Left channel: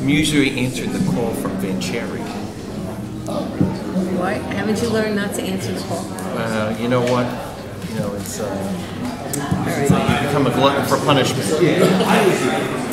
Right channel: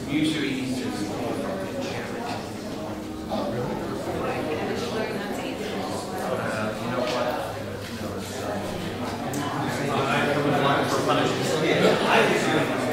I'm usually answering the call from Van Cherry. Why? Haven't you learned not to answer the call? You know what? You know, it's become a glutton for punishment. Glutton for punishment.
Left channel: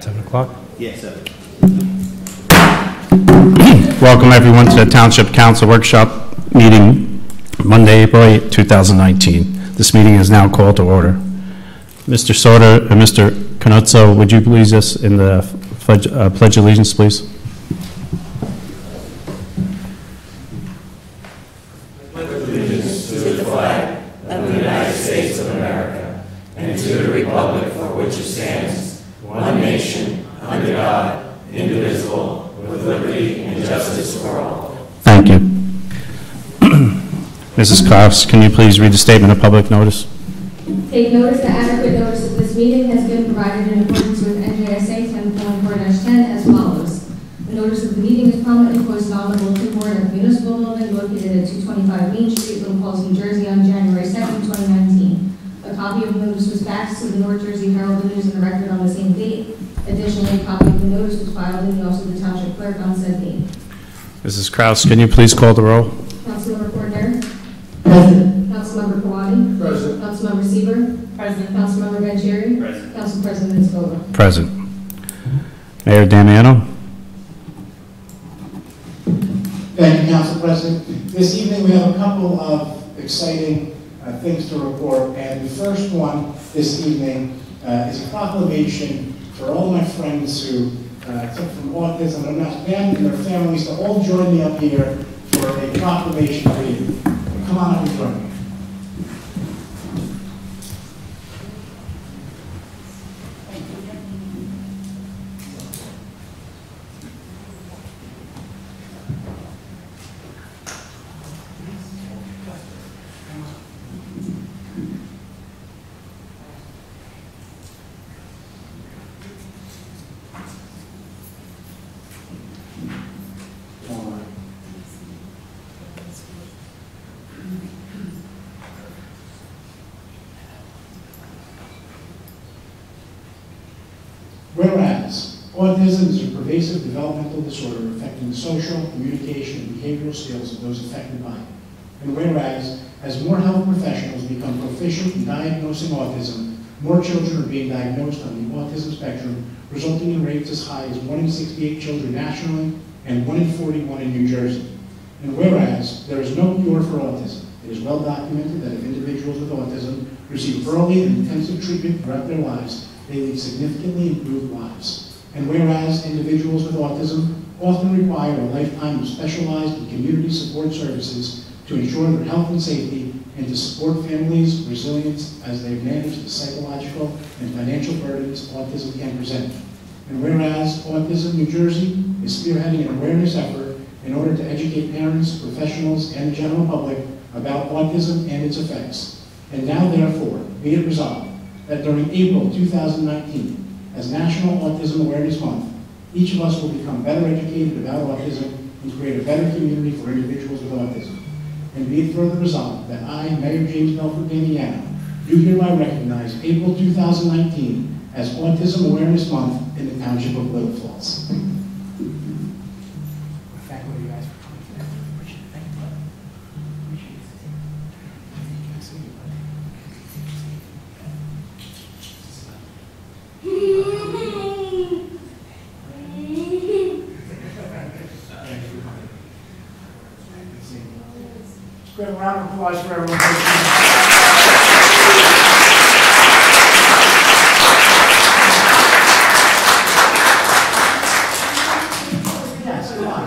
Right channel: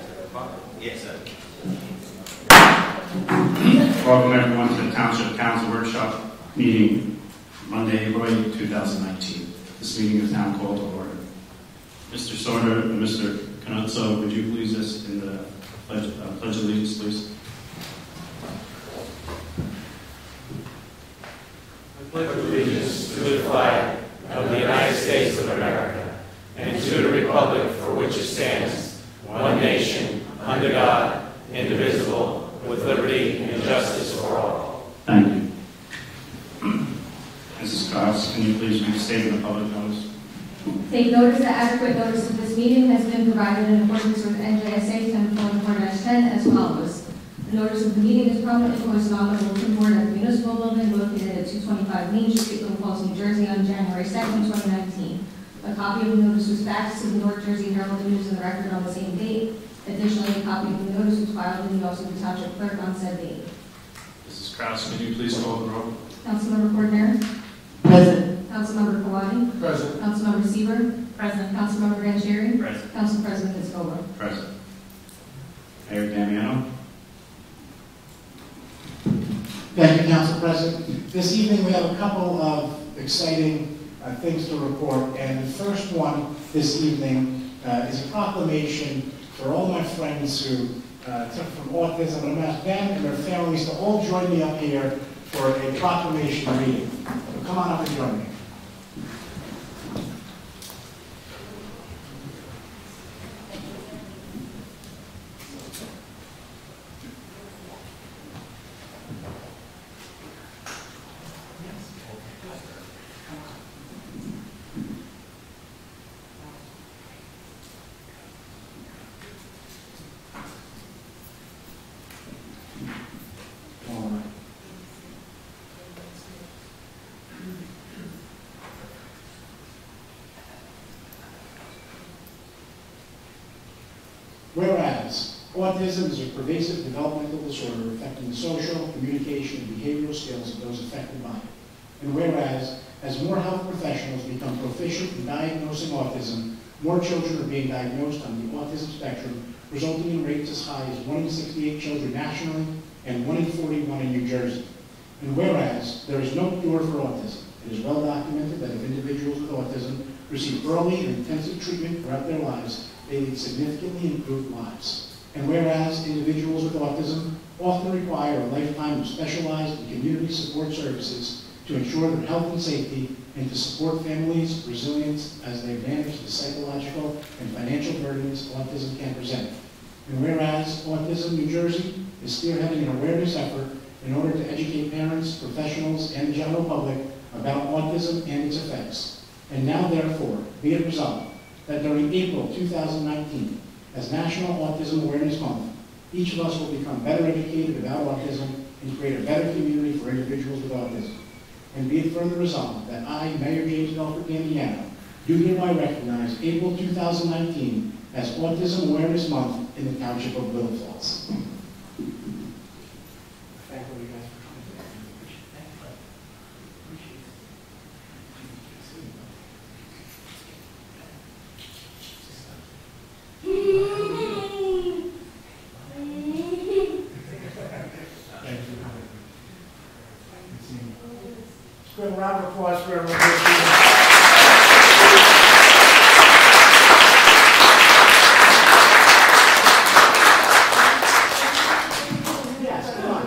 10 o'clock? Yes, sir. Welcome everyone to the Township Council Workshop meeting Monday, April 8, 2019. This meeting is now called to order. Mr. Soder and Mr. Canuzzo, would you please us in the Pledge of Allegiance, please? Pledge allegiance to the flag of the United States of America and to the republic for which it stands, one nation, under God, indivisible, with liberty and justice for all. Thank you. Mrs. Klaus, can you please read the statement of public notice? Take notice that adequate notice of this meeting has been provided in accordance with NJSA 10:4-10 as follows. The notice of the meeting is prominently posted on the bulletin board of the municipal building located at 225 Main Street, Little Falls, New Jersey on January 2nd, 2019. A copy of the notice was faxed to the North Jersey Herald News and the Record on the same date. Additionally, a copy of the notice was filed in the office of the Township Clerk on said date. Mrs. Kraus, can you please call the roll? Councilmember Cordner? Present. Councilmember Kawadi? Present. Councilmember Seaver? Present. Councilmember Vanchery? Present. Council President Scola? Present. Mayor Damiano? Thank you, Council President. This evening we have a couple of exciting things to report, and the first one this evening is a proclamation for all my friends who suffer from autism. I'm going to ask them and their families to all join me up here for a proclamation reading. Come on up and join me. Whereas autism is a pervasive developmental disorder affecting the social, communication, and behavioral skills of those affected by it. And whereas, as more health professionals become proficient in diagnosing autism, more children are being diagnosed on the autism spectrum, resulting in rates as high as 1 in 68 children nationally and 1 in 41 in New Jersey. And whereas there is no cure for autism, it is well documented that if individuals with autism receive early and intensive treatment throughout their lives, they lead significantly improved lives. And whereas individuals with autism often require a lifetime of specialized and community support services to ensure their health and safety and to support families' resilience as they manage the psychological and financial burdens autism can present. And whereas Autism New Jersey is spearheading an awareness effort in order to educate parents, professionals, and the general public about autism and its effects. And now, therefore, be it resolved that during April 2019, as National Autism Awareness Month, each of us will become better educated about autism and create a better community for individuals with autism. And be it further resolved that I, Mayor James Belford Damiano, do hereby recognize April 2019 as Autism Awareness Month in the Township of Little Falls. Give a round of applause for everyone. Yes, come on.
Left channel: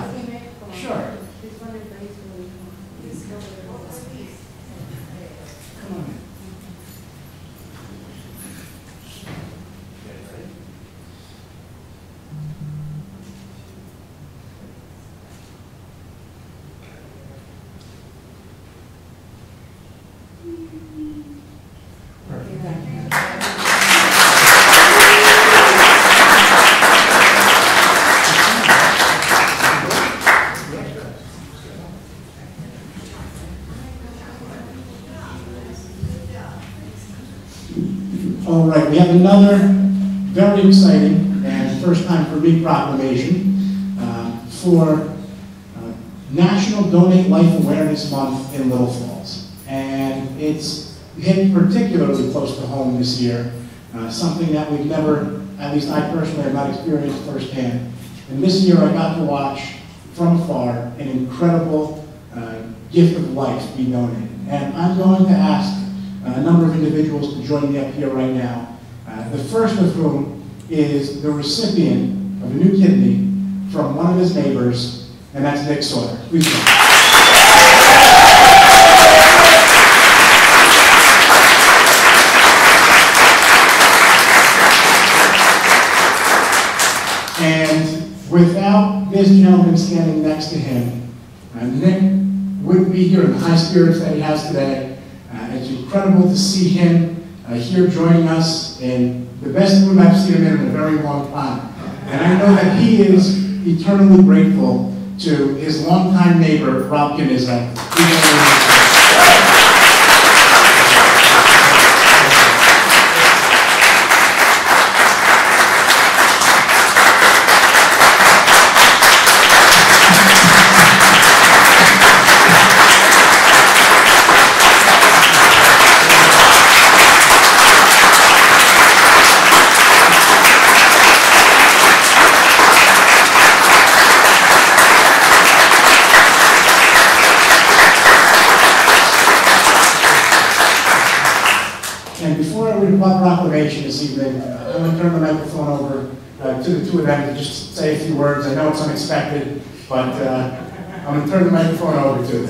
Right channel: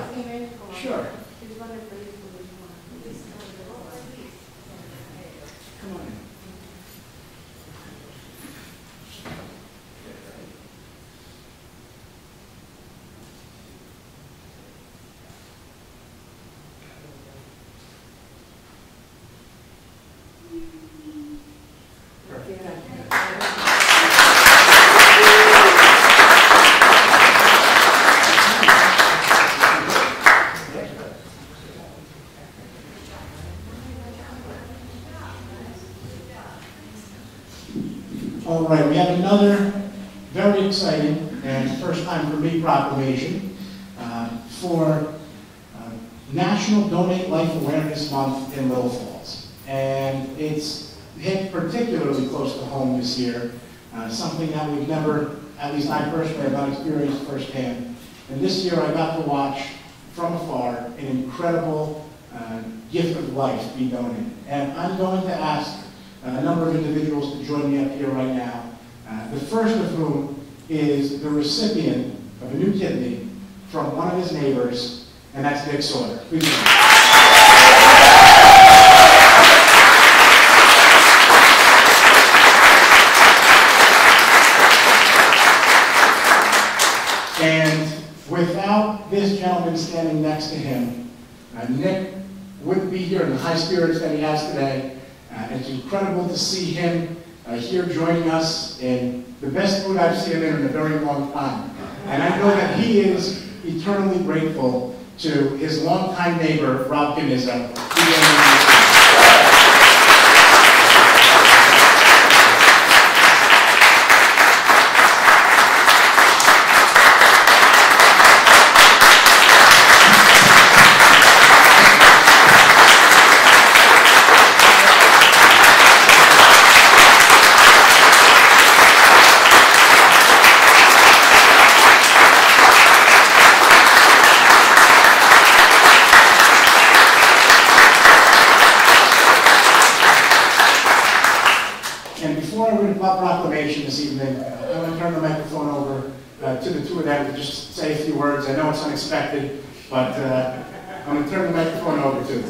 Sure. Come on in. All right, we have another very exciting and first time for me proclamation for National Donate Life Awareness Month in Little Falls. And it's hit particularly close to home this year, something that we've never, at least I personally have not experienced firsthand. And this year I got to watch from afar an incredible gift of life be donated. And I'm going to ask a number of individuals to join me up here right now. The first of whom is the recipient of a new kidney from one of his neighbors, and that's Nick Sawyer. Please come. And without this gentleman standing next to him, Nick wouldn't be here in the high spirits that he has today. It's incredible to see him here joining us in the best mood I've seen him in a very long time. And I know that he is eternally grateful to his longtime neighbor, Rob Canizza. And before I read the proclamation this evening, I want to turn the microphone over to the two of them to just say a few words. I know it's unexpected, but I'm going to turn the microphone over to them.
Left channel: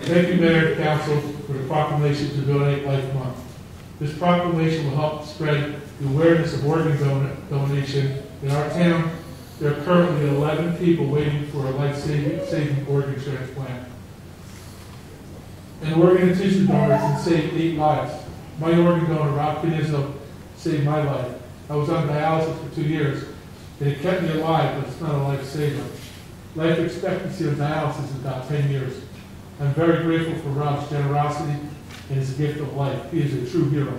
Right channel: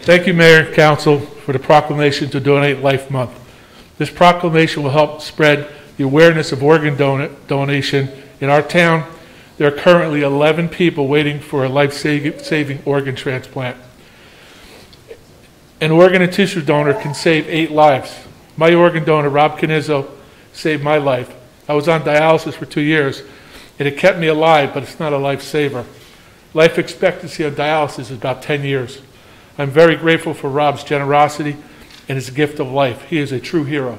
Thank you, Mayor and Council, for the proclamation to Donate Life Month. This proclamation will help spread the awareness of organ donation. In our town, there are currently 11 people waiting for a life-saving organ transplant. An organ and tissue donor can save 8 lives. My organ donor, Rob Canizza, saved my life. I was on dialysis for 2 years, and it kept me alive, but it's not a lifesaver. Life expectancy on dialysis is about 10 years. I'm very grateful for Rob's generosity and his gift of life. He is a true hero.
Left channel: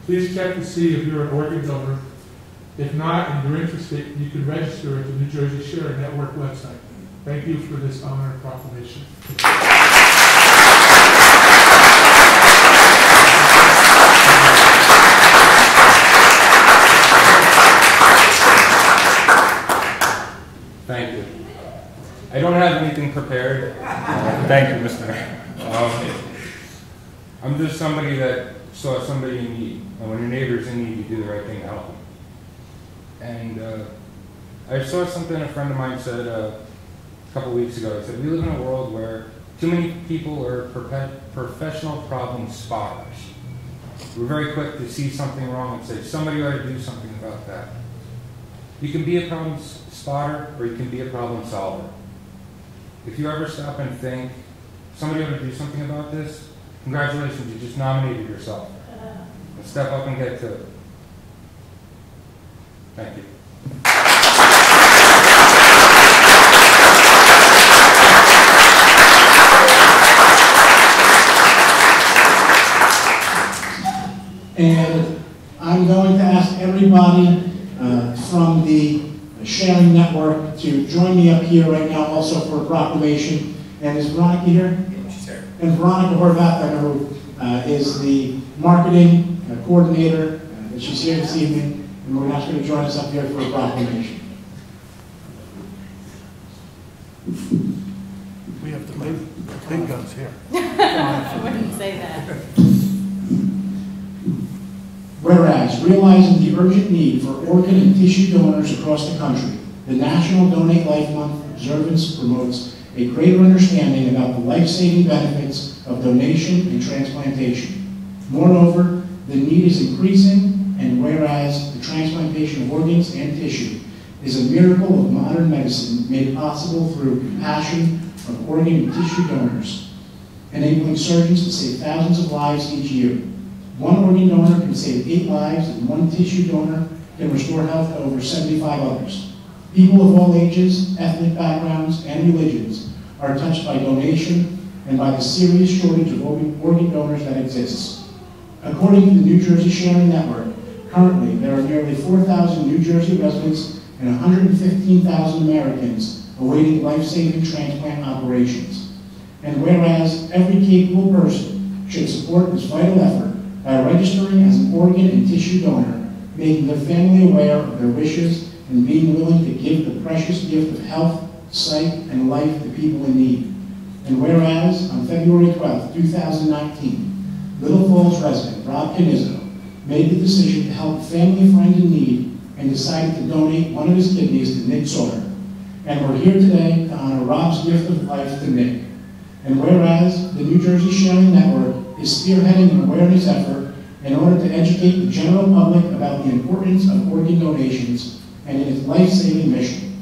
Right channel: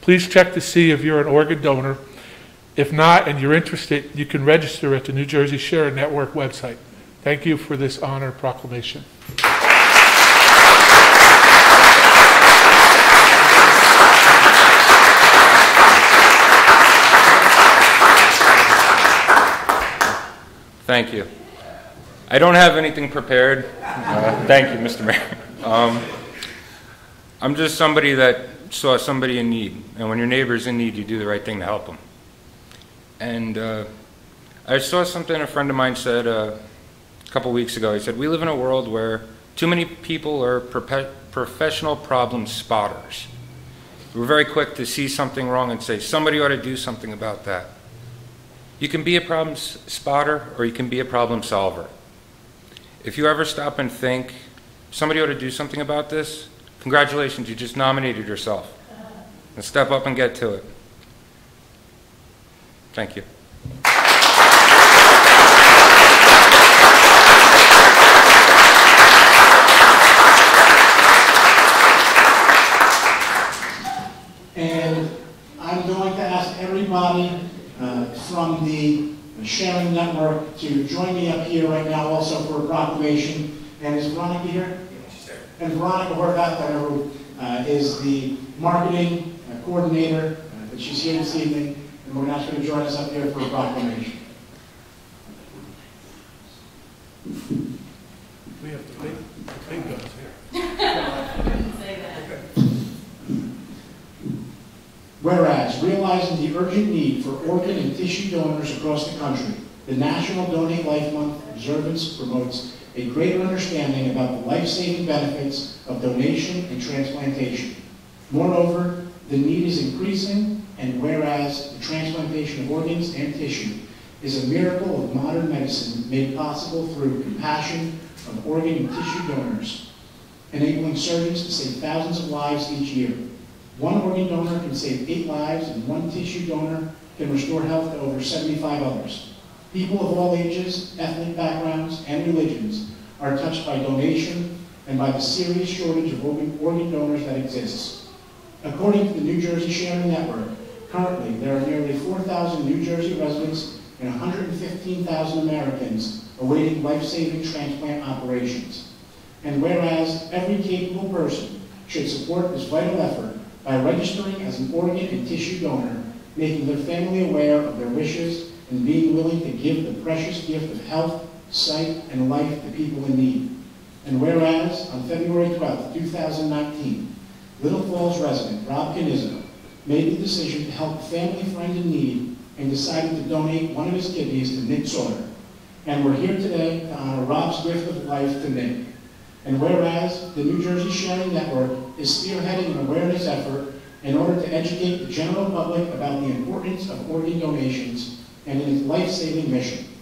Please check to see if you're an organ donor. If not, and you're interested, you can register at the New Jersey Share Network website. Thank you for this honor and proclamation. Thank you. I don't have anything prepared. Thank you, Mr. Mayor. I'm just somebody that saw somebody in need, and when your neighbor's in need, you do the right thing to help them. And I saw something a friend of mine said a couple weeks ago. He said, we live in a world where too many people are professional problem spotters. We're very quick to see something wrong and say, somebody ought to do something about that. You can be a problem spotter, or you can be a problem solver. If you ever stop and think, somebody ought to do something about this, congratulations, you just nominated yourself. And step up and get to it. Thank you. And I'm going to ask everybody from the Sharing Network to join me up here right now also for a proclamation. And is Veronica here? And Veronica Horvath, I know, is the marketing coordinator. She's here this evening, and we're going to ask her to join us up here for a proclamation. We have to move the big guns here. I wouldn't say that. Whereas, realizing the urgent need for organ and tissue donors across the country, the National Donate Life Month observance promotes a greater understanding about the life-saving benefits of donation and transplantation. Moreover, the need is increasing, and whereas the transplantation of organs and tissue is a miracle of modern medicine made possible through compassion of organ and tissue donors, enabling surgeons to save thousands of lives each year. One organ donor can save 8 lives, and one tissue donor can restore health to over 75 others. People of all ages, ethnic backgrounds, and religions are touched by donation and by the serious shortage of organ donors that exists. According to the New Jersey Sharing Network, currently there are nearly 4,000 New Jersey residents and 115,000 Americans awaiting life-saving transplant operations. And whereas every capable person should support this vital effort by registering as an organ and tissue donor, making their family aware of their wishes, and being willing to give the precious gift of health, sight, and life to people in need. And whereas on February 12, 2019, Little Falls resident Rob Canizzo made the decision to help a family friend in need and decided to donate one of his kidneys to Nick Sauter. And we're here today to honor Rob's gift of life to Nick. And whereas the New Jersey Sharing Network is spearheading an awareness effort in order to educate the general public about the importance of organ donations and in its life-saving mission.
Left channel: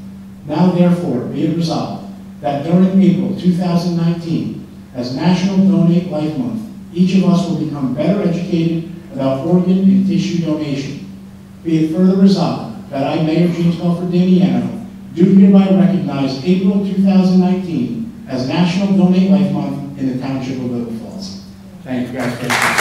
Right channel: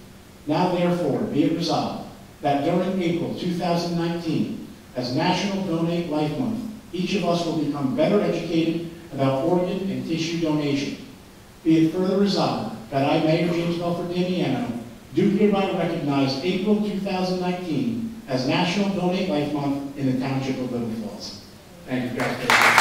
Now therefore be it resolved that during April 2019, as National Donate Life Month, each of us will become better educated about organ and tissue donation. Be it further resolved that I, Mayor James Belford Damiano, do hereby recognize April 2019 as National Donate Life Month in the Township of Little Falls. Thank you guys for listening.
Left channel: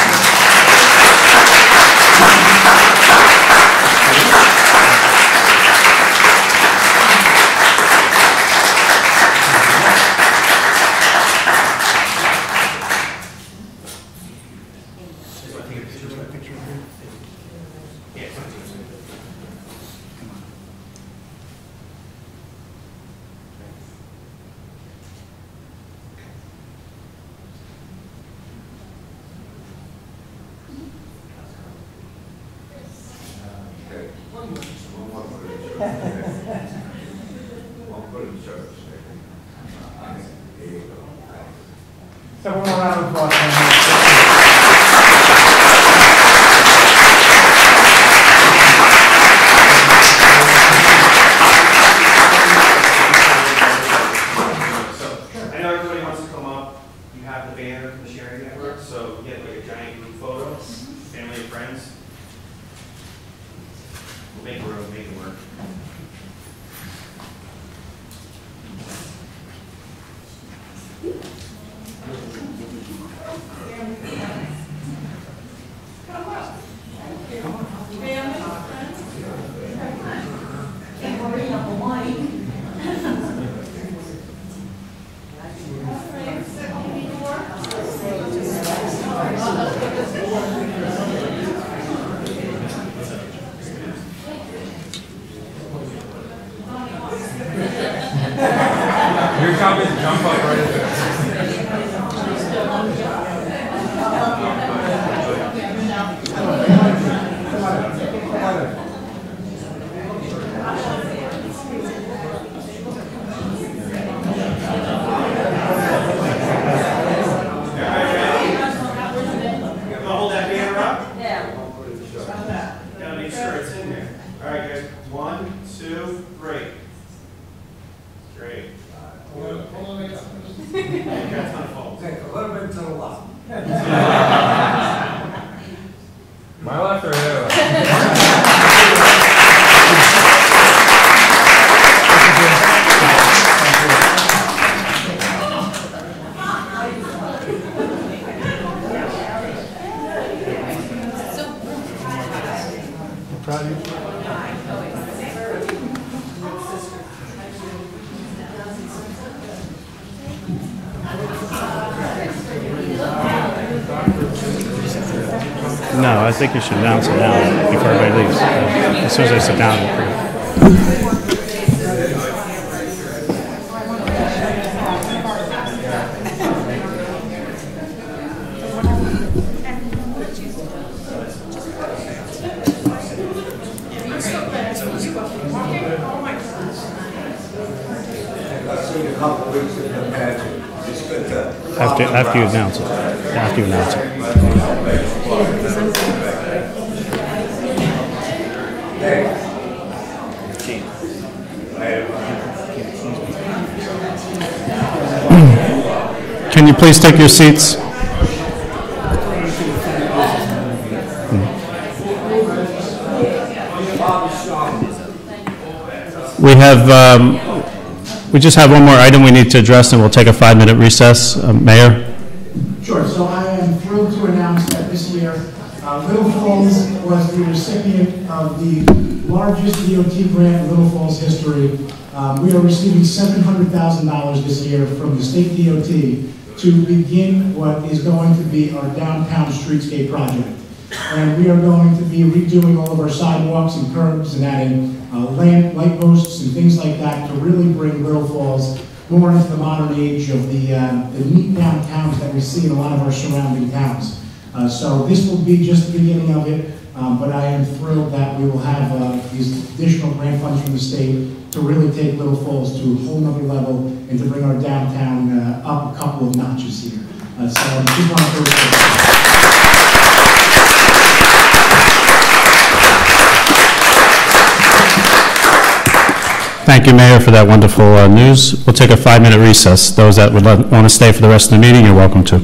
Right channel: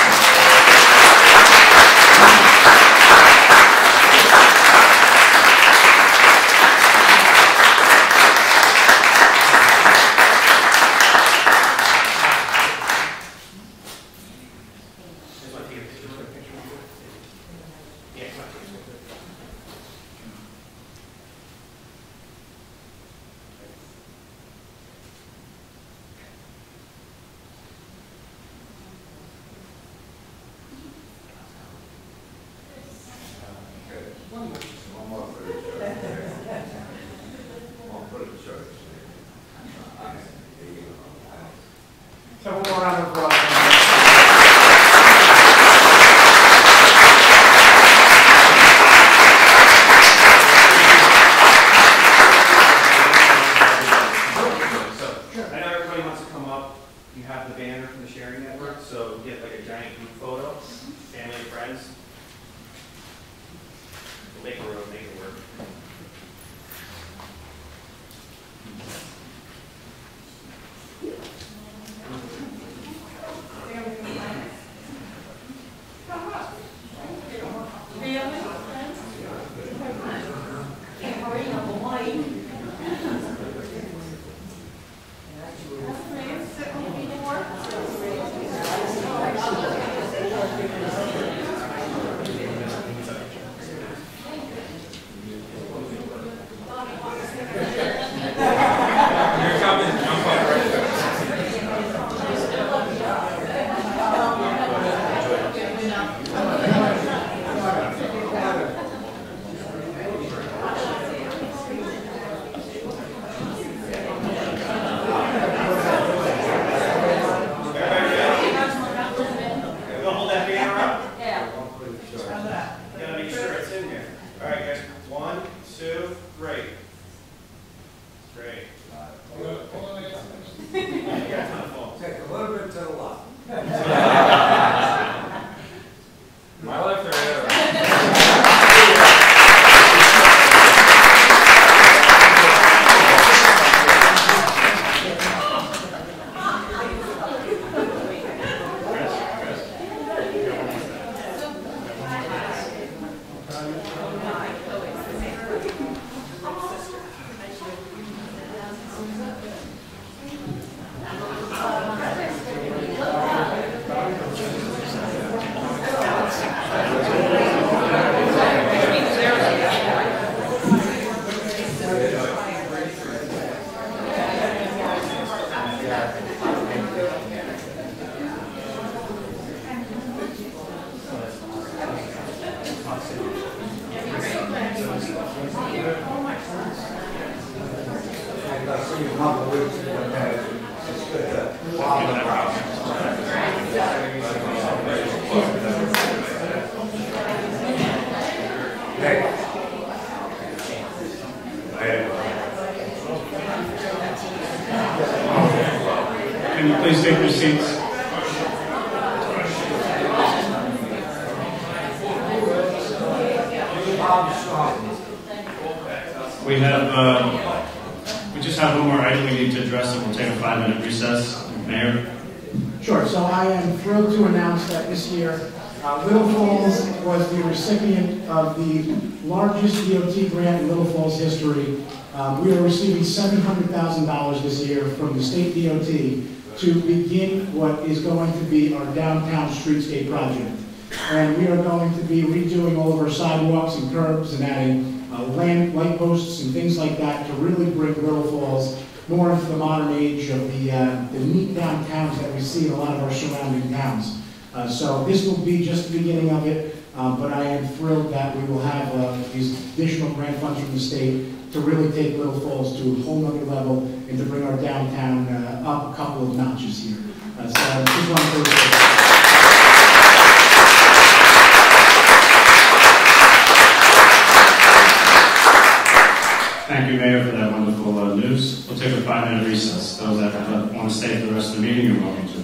So one more round of applause. I know everybody wants to come up. You have the banner from the Sharing Network, so get like a giant group photo, family and friends. We'll make it work. Your copy is jump up right there. Hold that banner up. Yeah. Gotta make sure it's in there. All right, guys. 1, 2, 3. Straight. Take a little bit to the left. My left or your? No, I think you should announce it now before everybody leaves. As soon as they sit down. After you announce it. After you announce it. Can you please take your seats? We just have one more item we need to address, and we'll take a 5-minute recess. Mayor? Sure. So I am thrilled to announce that this year, Little Falls was the recipient of the largest DOT grant in Little Falls history. We are receiving $700,000 this year from the state DOT to begin what is going to be our downtown streetscape project. And we are going to be redoing all of our sidewalks and curbs and adding light posts and things like that to really bring Little Falls more into the modern age of the neat downtowns that we see in a lot of our surrounding towns. So this will be just the beginning of it, but I am thrilled that we will have these additional grant funds from the state to really take Little Falls to a whole nother level and to bring our downtown up a couple of notches here. So I just want to Thank you, Mayor, for that wonderful news. We'll take a 5-minute recess. Those that would want to stay for the rest of the meeting, you're welcome to.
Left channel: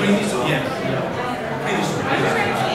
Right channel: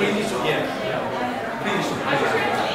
Please, yeah. Please.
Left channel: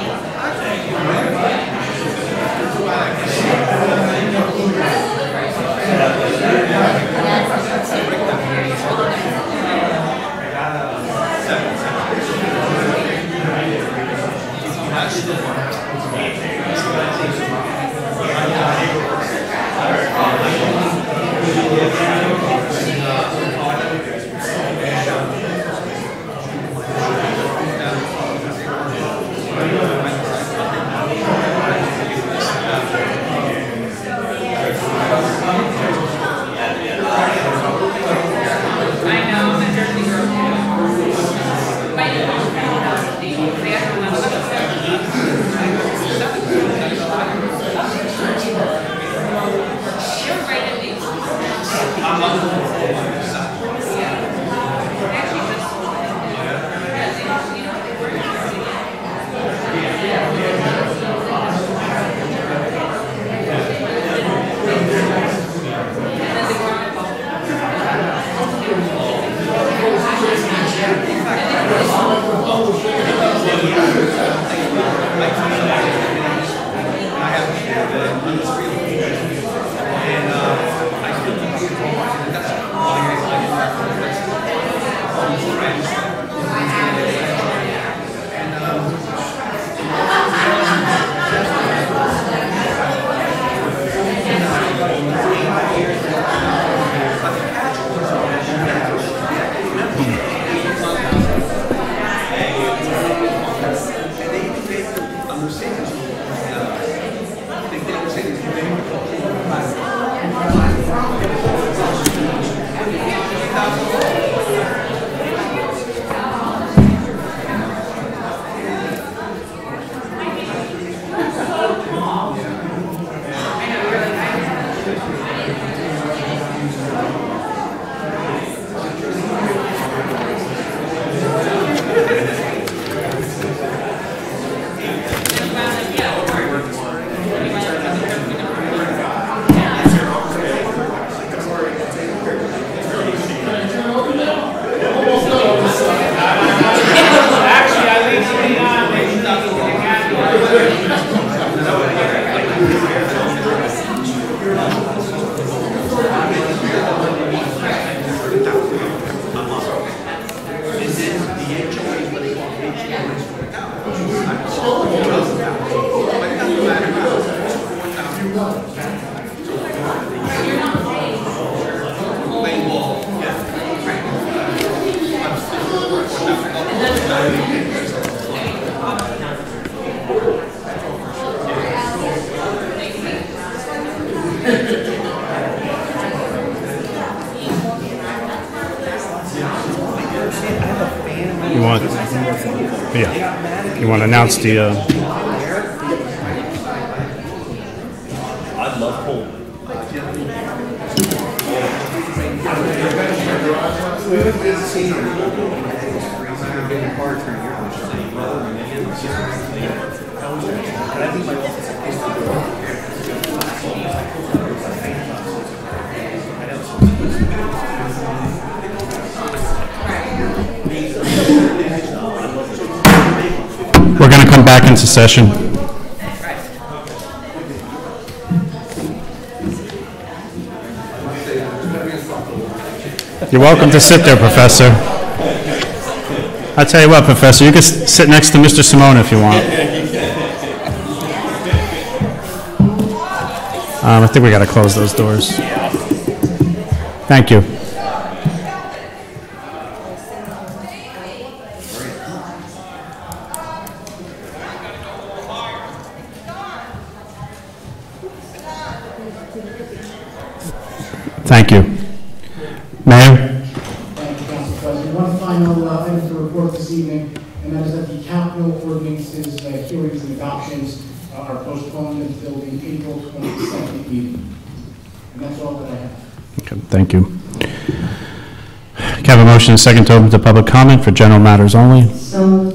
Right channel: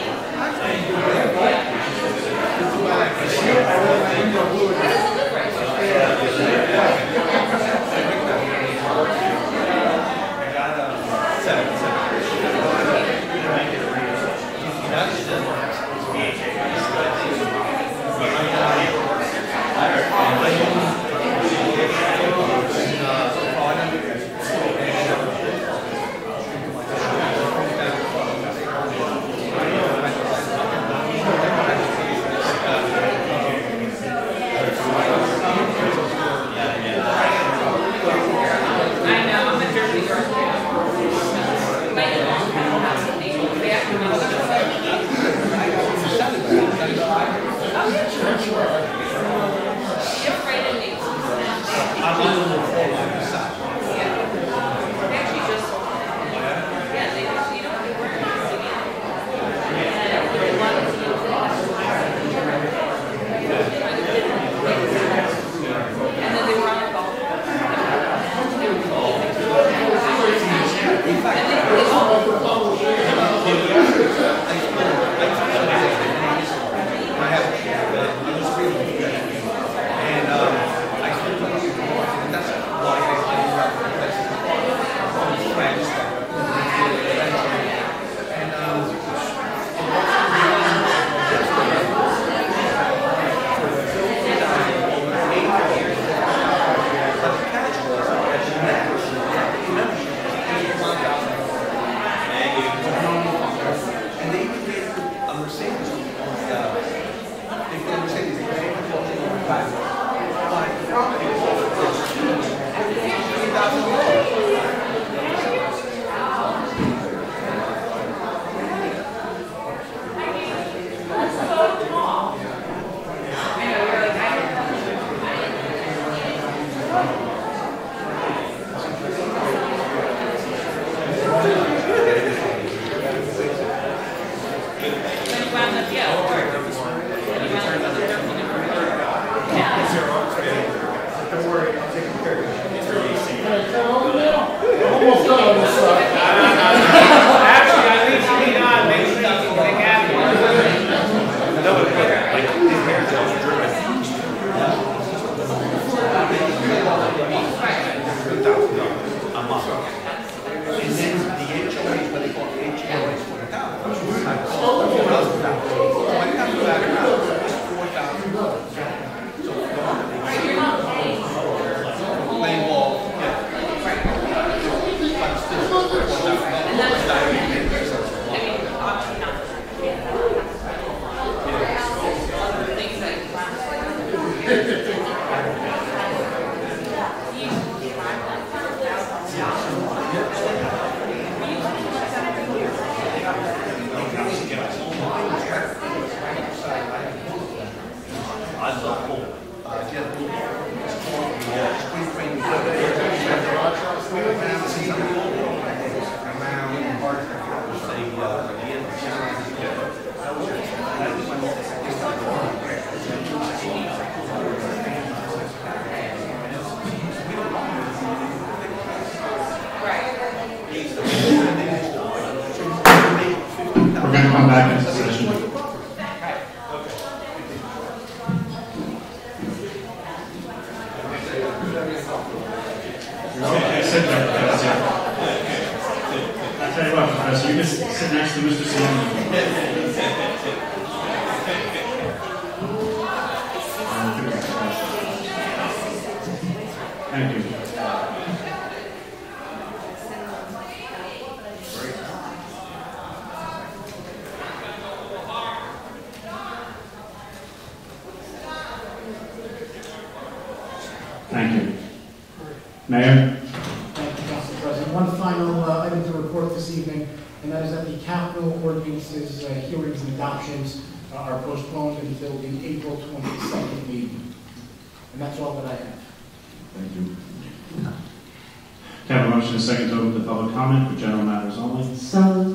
You want to announce the, we're going to come back into session. You're welcome to sit there, Professor. I tell you what, Professor, you can sit next to Mr. Simone if you want. I think we got to close those doors. Thank you. Thank you. Mayor? Thank you, Council President. One final item to report this evening, and that is that the capital ordinances, hearings and adoptions are postponed until the April 22nd meeting. And that's all that I have. Okay, thank you. Can I have a motion and a second to open to public comment for general matters only?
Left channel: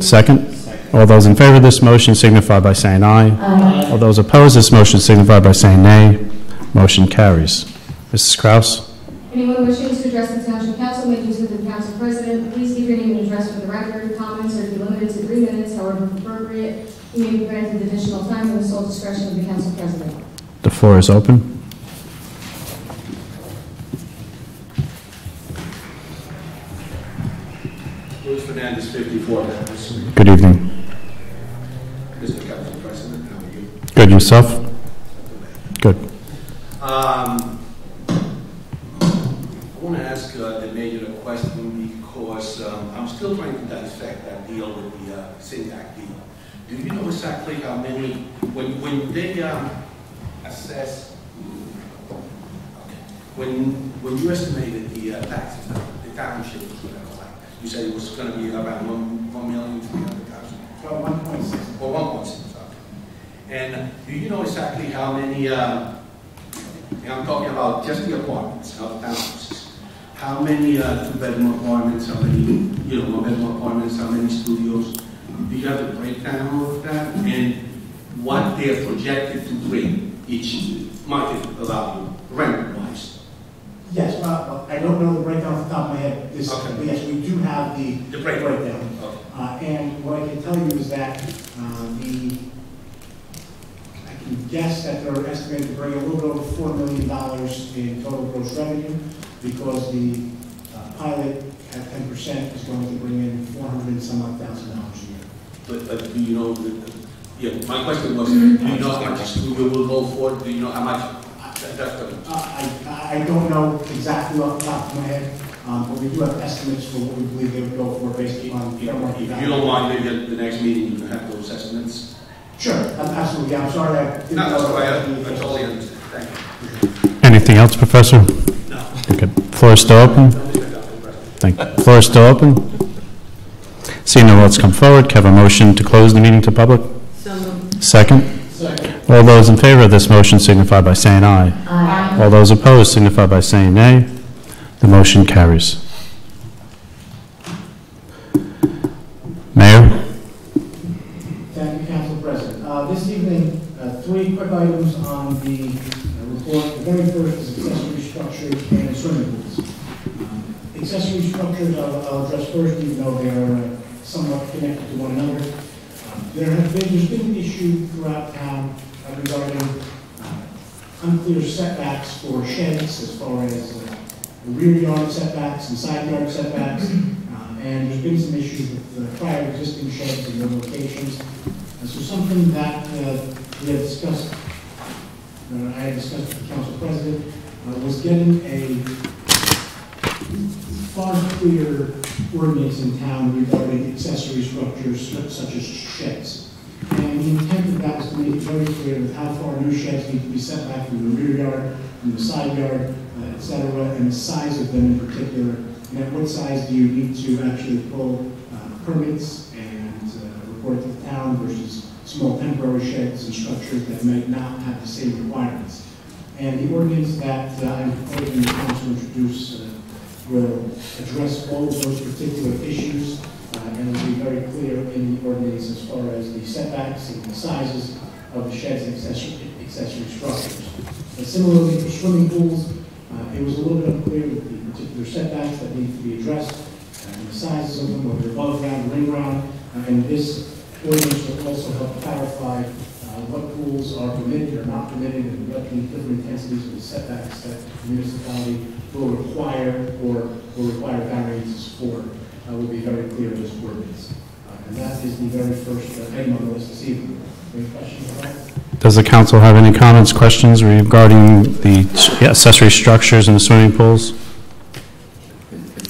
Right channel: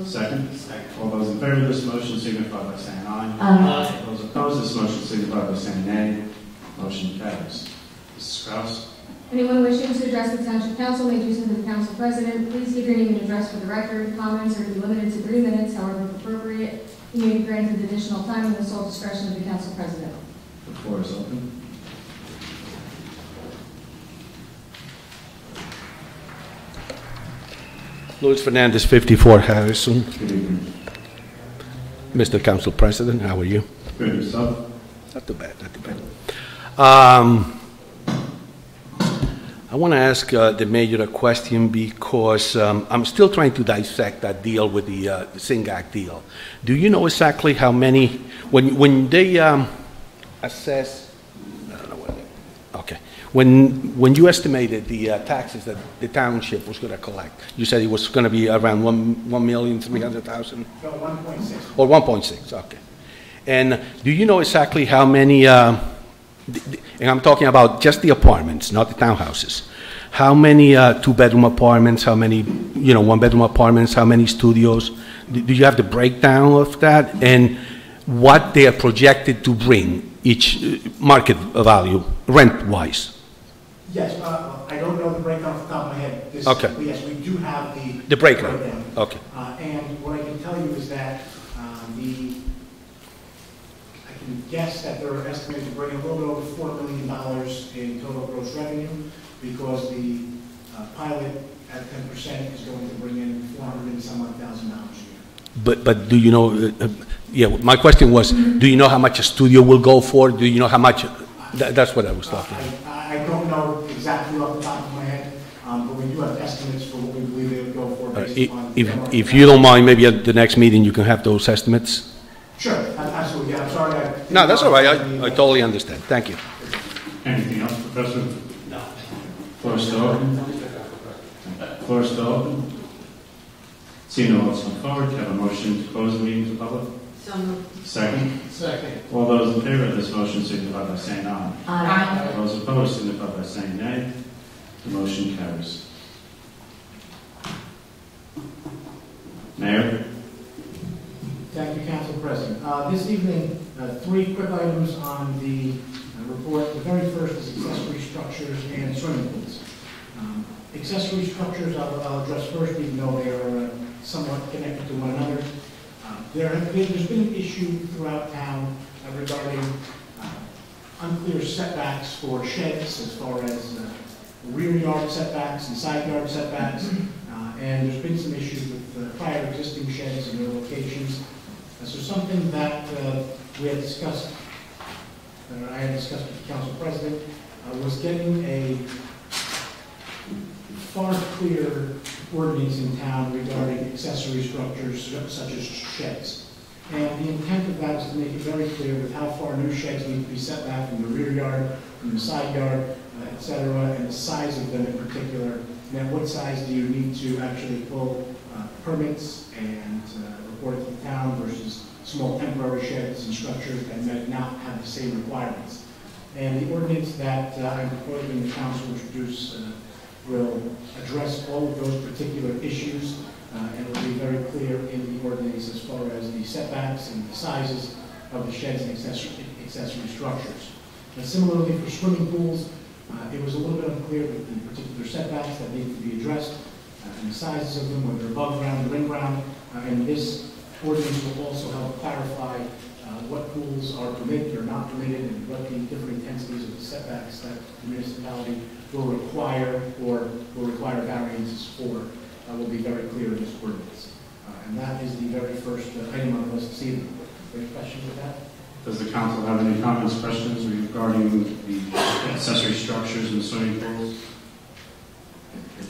Second. All those in favor of this motion signify by saying aye. Aye. All those opposed to this motion signify by saying nay. Motion carries. Mrs. Kraus? Anyone wishing to address the Township Council may do so to the Council President. Please keep your name and address for the record. Comments are to be limited to 3 minutes, however appropriate. You may be granted additional time in the sole discretion of the Council President. The floor is open. Luis Fernandez, 54 Harrison. Good evening. Mr. Council President, how are you? Good, yourself? Not too bad. Good. I want to ask the mayor a question because I'm still trying to dissect that deal with the SINGAC deal. Do you know exactly how many, when they assess, okay, When you estimated the taxes that the township was going to collect, you said it was going to be around 1,300,000? No, 1.6. Or 1.6, okay. And do you know exactly how many, and I'm talking about just the apartments, not the townhouses. How many two-bedroom apartments, how many, one-bedroom apartments, how many studios? Do you have the breakdown of that? And what they are projected to bring, each market value, rent-wise? Yes, I don't know the breakdown off the top of my head. Okay. But yes, we do have The breakdown. Okay. And what I can tell you is that I can guess that they're estimated to bring a little bit over $4 million in total gross revenue, because the pilot at 10% is going to bring in $400,000 and some odd thousand a year. But do you know, my question was, do you know how much a studio will go for? Do you know how much, that's what I was talking about. I don't know exactly off the top of my head, but we do have estimates for what we believe they would go for based upon... If you don't mind, maybe at the next meeting you can have those estimates? Sure, absolutely. Yeah, I'm sorry. No, that's all right. I totally understand. Thank you. Anything else, Professor? No. Okay, floor is still open? Thank you. Floor is still open? Seeing no votes come forward, can I have a motion to close the meeting to public? So moved. Second? All those in favor of this motion signify by saying aye. Aye. All those opposed signify by saying nay. The motion carries. Mayor? Thank you, Council President. This evening, three quick items on the report. The very first is accessory structures and swimming pools. Accessory structures I'll address first, even though they are somewhat connected to one another. There's been an issue throughout town regarding unclear setbacks for sheds, as far as rear yard setbacks and side yard setbacks, and there's been some issues with prior existing sheds in their locations. So something that we had discussed, I had discussed with the Council President, was getting a far clearer ordinance in town regarding accessory structures such as sheds. And the intent of that is to make it very clear with how far new sheds need to be set back from the rear yard, from the side yard, et cetera, and the size of them in particular. And at what size do you need to actually pull permits and report it to the town versus small temporary sheds and structures that might not have the same requirements. And the ordinance that I'm proposing the council introduce will address all of those particular issues, and will be very clear in the ordinance as far as the setbacks and the sizes of the sheds and accessory structures. Similarly, for swimming pools, it was a little bit unclear with the particular setbacks that need to be addressed, and the sizes of them, whether above ground or in ground, and this ordinance will also help clarify what pools are permitted or not permitted, and what the different intensities of the setbacks that the municipality will require or will require variances for will be very clear in this ordinance. And that is the very first item on the list this evening. Any questions on that? Does the council have any comments, questions regarding the accessory structures and the swimming pools?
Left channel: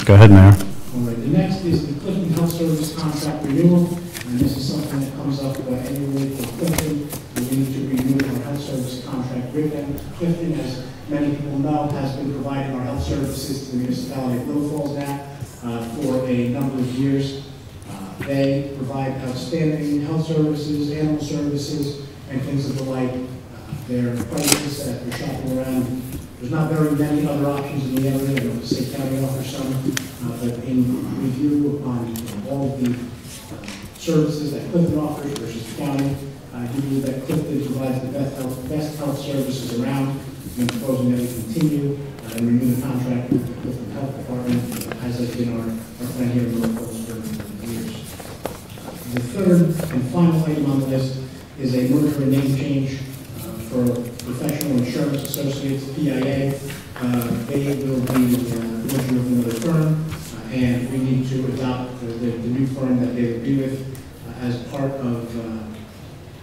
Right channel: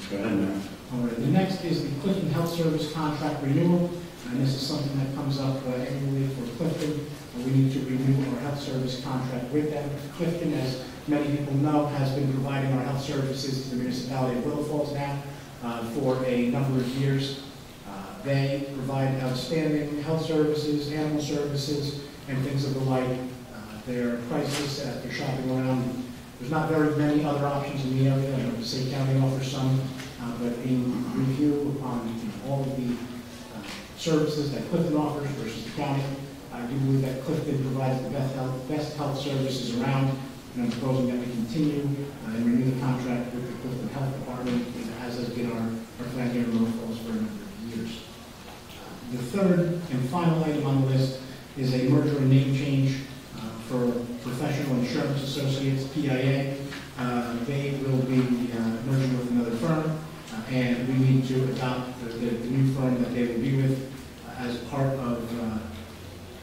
Go ahead, Mayor. All right. The next is the Clifton Health Service contract renewal, and this is something that comes up annually for Clifton. We need to renew our health service contract with them. Clifton, as many people know, has been providing our health services to the municipality of Little Falls now for a number of years. They provide outstanding health services, animal services, and things of the like. Their prices, as they're shopping around, there's not very many other options in the area. I know the State County offers some, but in review upon all of the services that Clifton offers versus the county, I do believe that Clifton provides the best health services around, and proposing that we continue and renew the contract with the Clifton Health Department, as has been our plan here in North Falls for years. The third and final item on the list is a merger and name change for Professional Insurance Associates, PIA. They will be merging with another firm, and we need to adopt the new firm that they will be with as part of,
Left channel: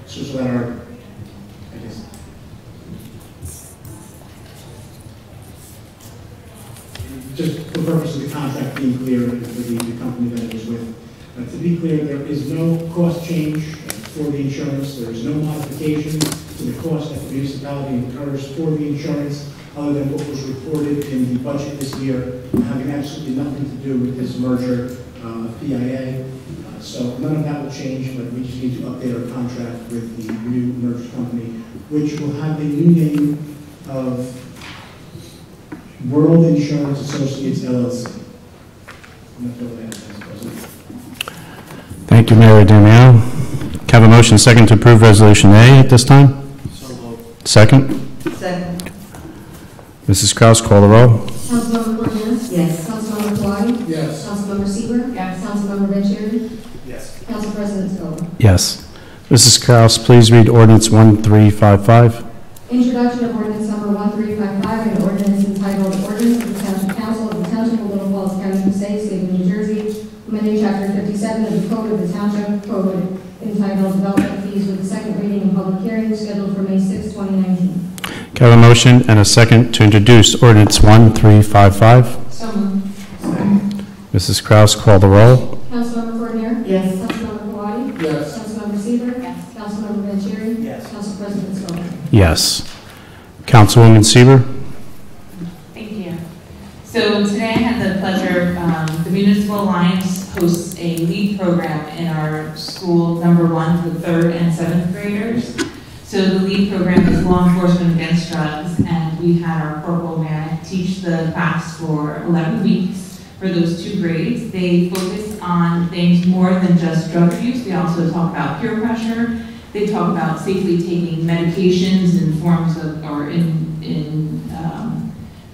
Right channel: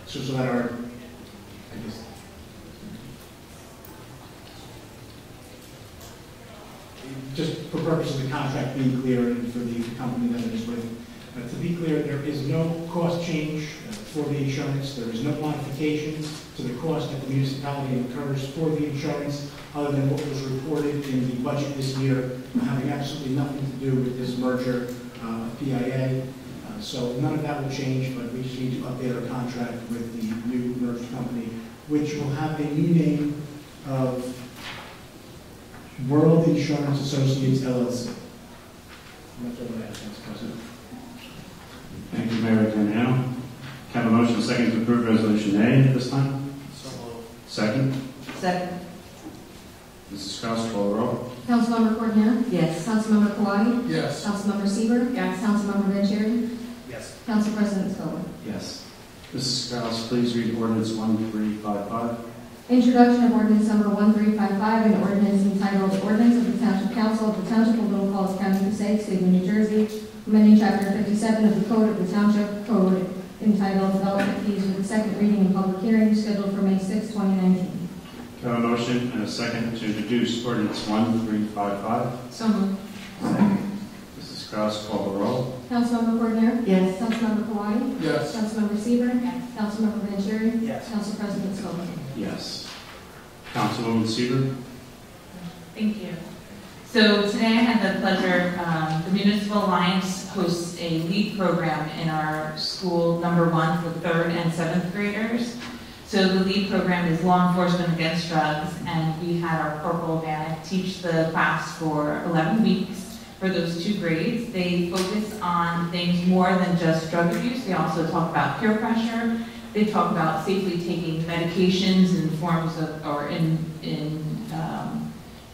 so that our, I guess, just for the purpose of the contract being clear and for the company that it is with. To be clear, there is no cost change for the insurance. There is no modification to the cost that the municipality incurs for the insurance other than what was reported in the budget this year, having absolutely nothing to do with this merger with PIA. So none of that will change, but we just need to update our contract with the new merged company, which will have a new name of World Insurance Associates LLC. Thank you, Mayor Damiano. Can I have a motion second to approve Resolution A at this time? So moved. Second? Second. Mrs. Kraus, call the roll. Councilmember Cortez? Yes. Councilmember Kawadi? Yes. Councilmember Seaver? Yes. Councilmember Vanchery? Yes. Council President Scoba. Yes. Mrs. Kraus, please read ordinance 1355. Introduction of ordinance number 1355, an ordinance entitled Ordinance of the Township Council of the Township of Little Falls, County of Passaic, State of New Jersey, amending Chapter 57 of the Code of the Township Code entitled Development Fees, with the second reading and public hearing scheduled for May 6, 2019. Can I have a motion and a second to introduce ordinance 1355? So moved. Mrs. Kraus, call the roll. Councilmember Fournier? Yes. Councilmember Kawadi? Yes. Councilmember Seaver? Yes. Councilmember Vanchery? Yes. Council President Scoba. Yes. Councilwoman Seaver? Thank you. So today I had the pleasure, the Municipal Alliance hosts a LEAD program in our school, number 1 for 3rd and 7th graders. So the LEAD program is Law Enforcement Against Drugs, and we had our Corporal Manic teach the class for 11 weeks for those 2 grades. They focus on things more than just drug abuse. They also talk about peer pressure. They talk about safely taking medications in forms of, or in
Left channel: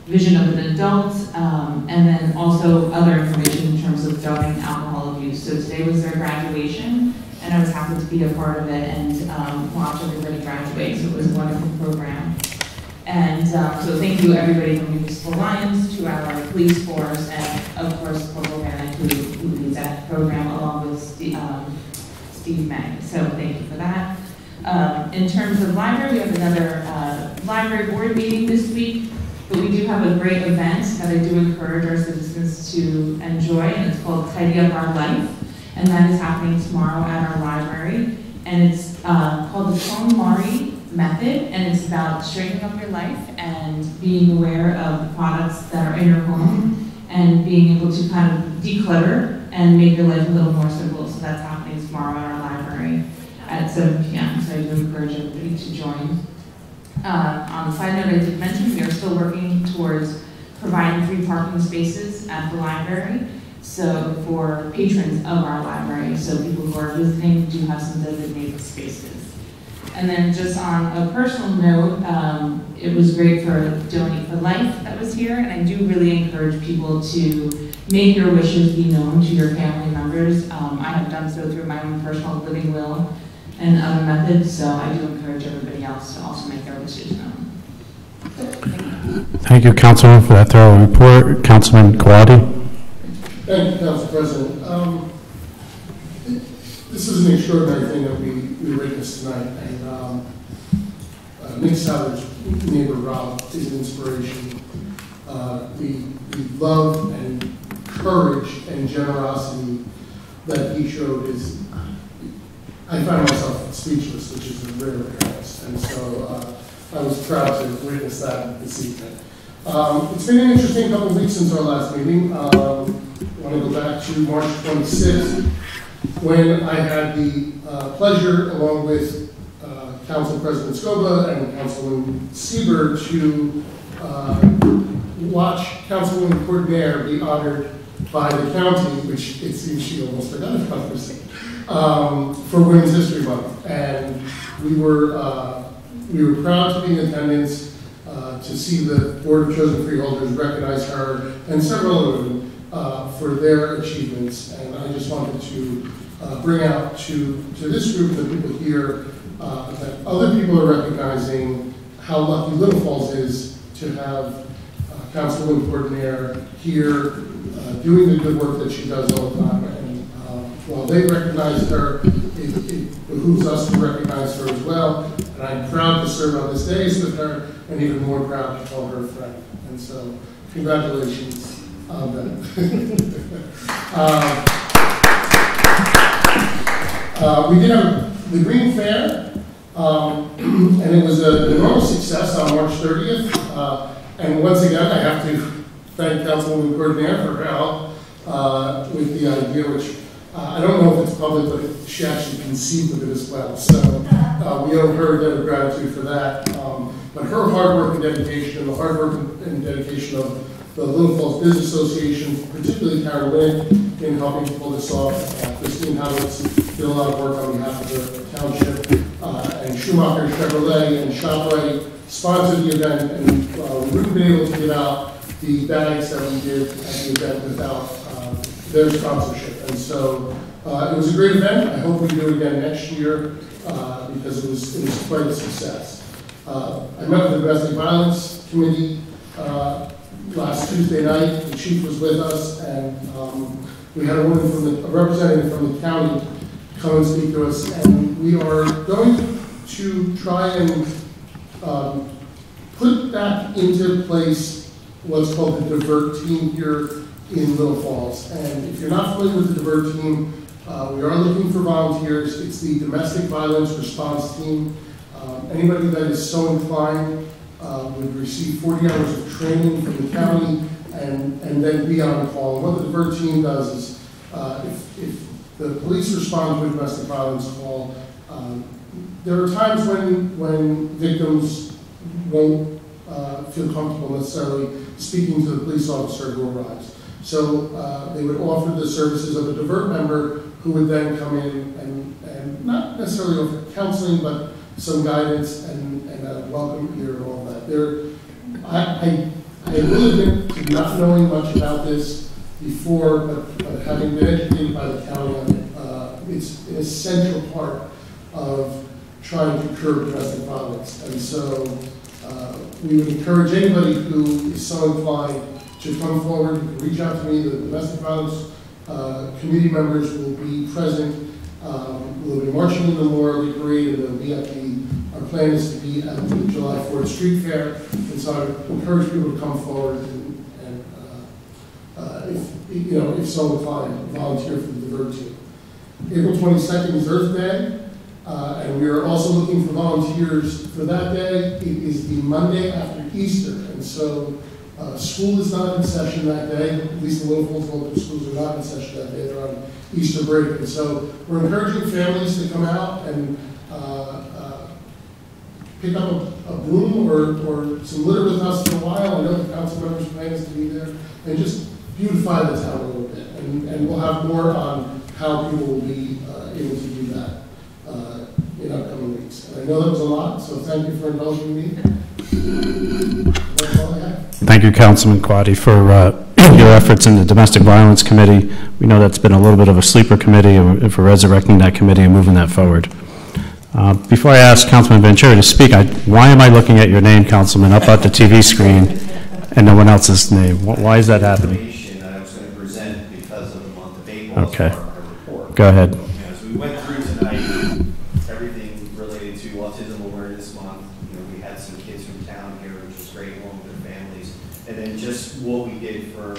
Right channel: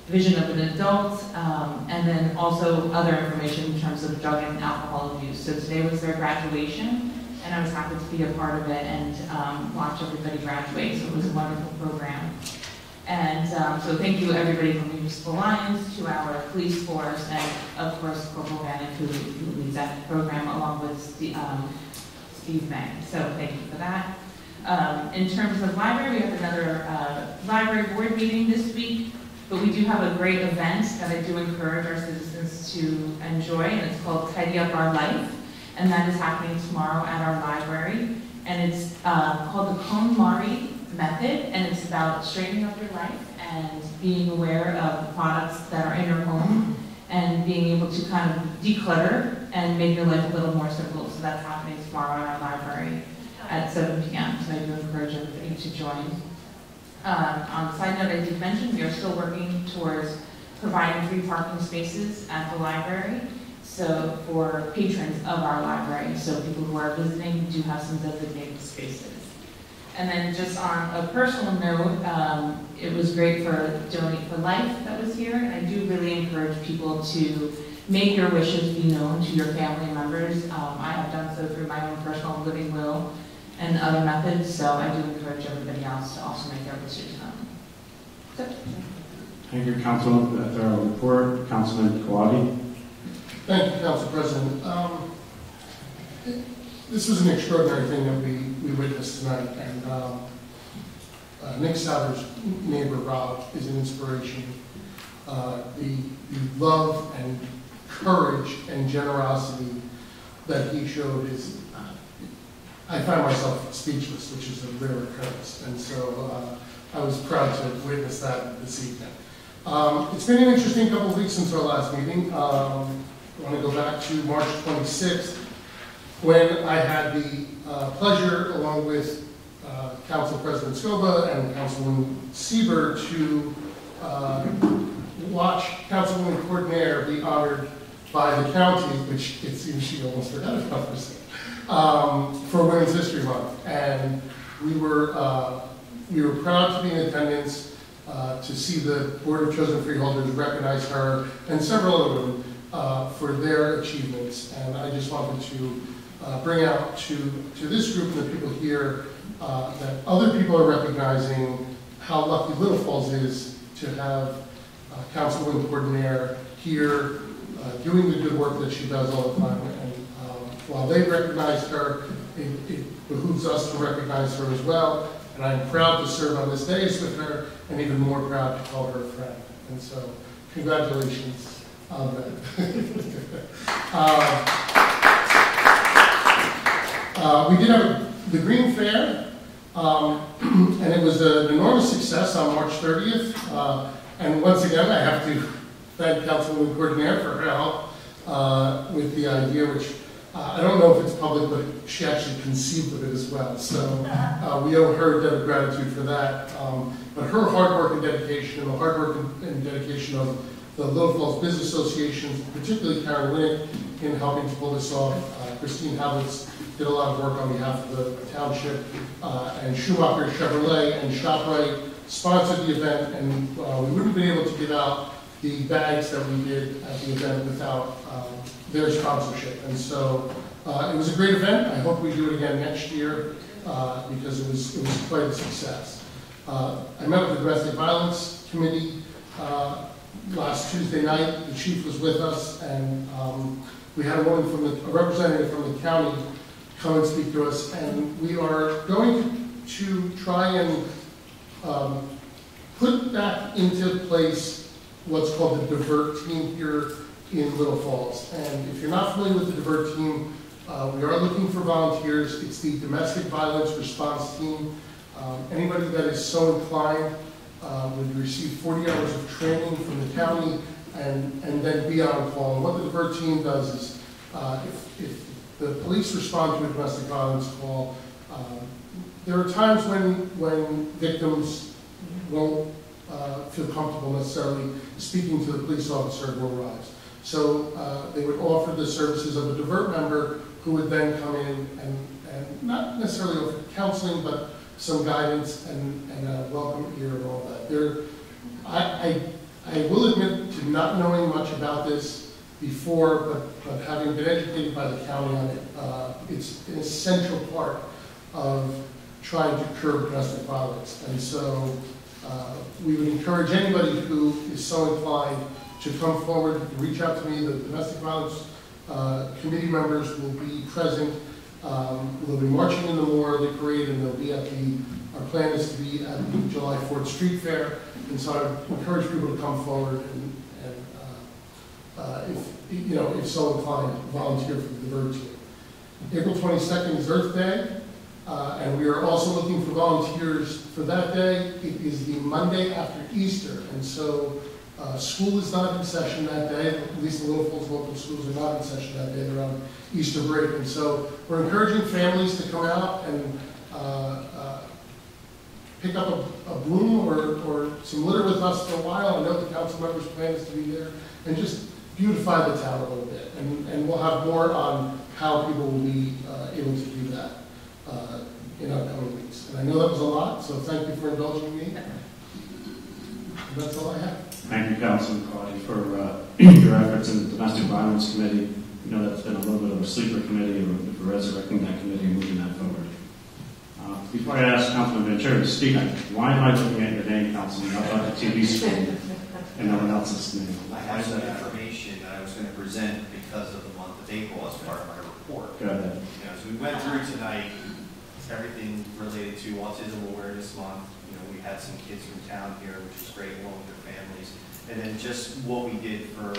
vision of an adult, and then also other information in terms of drug and alcohol abuse. So today was their graduation, and I was happy to be a part of it and watch everybody graduate. So it was a wonderful program. And so thank you everybody from Municipal Alliance, to our police force, and of course Corporal Bannock, who leads that program, along with Steve May. So thank you for that. In terms of library, we have another library board meeting this week, but we do have a great event that I do encourage our citizens to enjoy, and it's called Tidy Up Our Life, and that is happening tomorrow at our library, and it's called the KonMari method, and it's about straightening up your life and being aware of the products that are in your home and being able to kind of declutter and make your life a little more simple. So that's happening tomorrow in our library at 7 p.m. So I do encourage everybody to join. On the side note, I did mention we are still working towards providing free parking spaces at the library, so for patrons of our library. So people who are visiting do have some designated spaces. And then just on a personal note, it was great for Donate for Life that was here, and I do really encourage people to make your wishes be known to your family members. I have done so through my own personal living will and other methods, so I do encourage everybody else to also make their wishes known. So, Thank you, Councilman, for that thorough report. Councilman Kawadi? Thank you, Council President. This is an extraordinary thing that we witnessed tonight, and Nick Savage, neighbor Rob, is an inspiration. The love and courage and generosity that he showed is, I find myself speechless, which is a rare occurrence, and so I was proud to witness that this evening. It's been an interesting couple of weeks since our last meeting. I want to go back to March 26th, when I had the pleasure, along with Council President Scoba and Councilwoman Sieber, to watch Councilwoman Courtnaire be honored by the county, which it seems she almost forgot about for Women's History Month. And we were proud to be in attendance to see the Board of Chosen Freeholders recognize her and several of them for their achievements. And I just wanted to bring out to this group and the people here that other people are recognizing how lucky Little Falls is to have Councilwoman Courtnaire here doing the good work that she does all the time. And while they recognize her, it behooves us to recognize her as well. And I'm proud to serve on this dais with her, and even more proud to call her a friend. And so, congratulations on that. We did have the Green Fair, and it was an enormous success on March 30th. And once again, I have to thank Councilwoman Cordner for her help with the idea, which I don't know if it's public, but she actually conceived of it as well. So we owe her a debt of gratitude for that. But her hard work and dedication, and the hard work and dedication of the Little Falls Business Association, particularly Karen Winnick, in helping to pull this off. Christine Howitz did a lot of work on behalf of the township, and Schumacher Chevrolet and ShopRite sponsored the event, and we wouldn't have been able to give out the bags that we did at the event without their sponsorship. And so it was a great event. I hope we do it again next year because it was quite a success. I met with the Domestic Violence Committee last Tuesday night. The chief was with us, and we had a representative from the county come and speak to us, and we are going to try and put back into place what's called the Divert Team here in Little Falls. And if you're not familiar with the Divert Team, we are looking for volunteers. It's the Domestic Violence Response Team. Anybody that is so inclined would receive 40 hours of training from the county and then be on call. And what the Divert Team does is if the police respond to a domestic violence call, there are times when victims won't feel comfortable necessarily speaking to the police officer who arrives. So they would offer the services of a Divert member who would then come in and not necessarily offer counseling, but some guidance and a welcome ear and all that. I will admit to not knowing much about this before, but having been educated by the county on it, it's an essential part of trying to curb domestic violence. And so we would encourage anybody who is so inclined to come forward. You can reach out to me. The domestic violence committee members will be present. We'll be marching in the Memorial Day Parade, and they'll be at our plan is to be at the July 4th Street Fair. And so I would encourage people to come forward and if so inclined, volunteer for the Divert Team. April 22nd is Earth Day, and we are also looking for volunteers for that day. It is the Monday after Easter, and so school is not in session that day. At least the local schools are not in session that day. They're on Easter break, and so we're encouraging families to come out and pick up a broom or some litter with us for a while. I know the council members plan us to be there, and just beautify the town a little bit. And we'll have more on how people will be able to do that in upcoming weeks. And I know that was a lot, so thank you for indulging me. That's all I have. Thank you, Councilman Quaddy, for your efforts in the Domestic Violence Committee. We know that's been a little bit of a sleeper committee, and for resurrecting that committee and moving that forward. Before I ask Councilman Ventura to speak, why am I looking at your name, Councilman, up at the TV screen and no one else's name? Why is that happening? I was going to present because of the month of April. Okay. As part of our report. Go ahead. As we went through tonight, everything related to Autism Awareness Month. We had some kids from town here, which was great, along with their families. And then just what we did for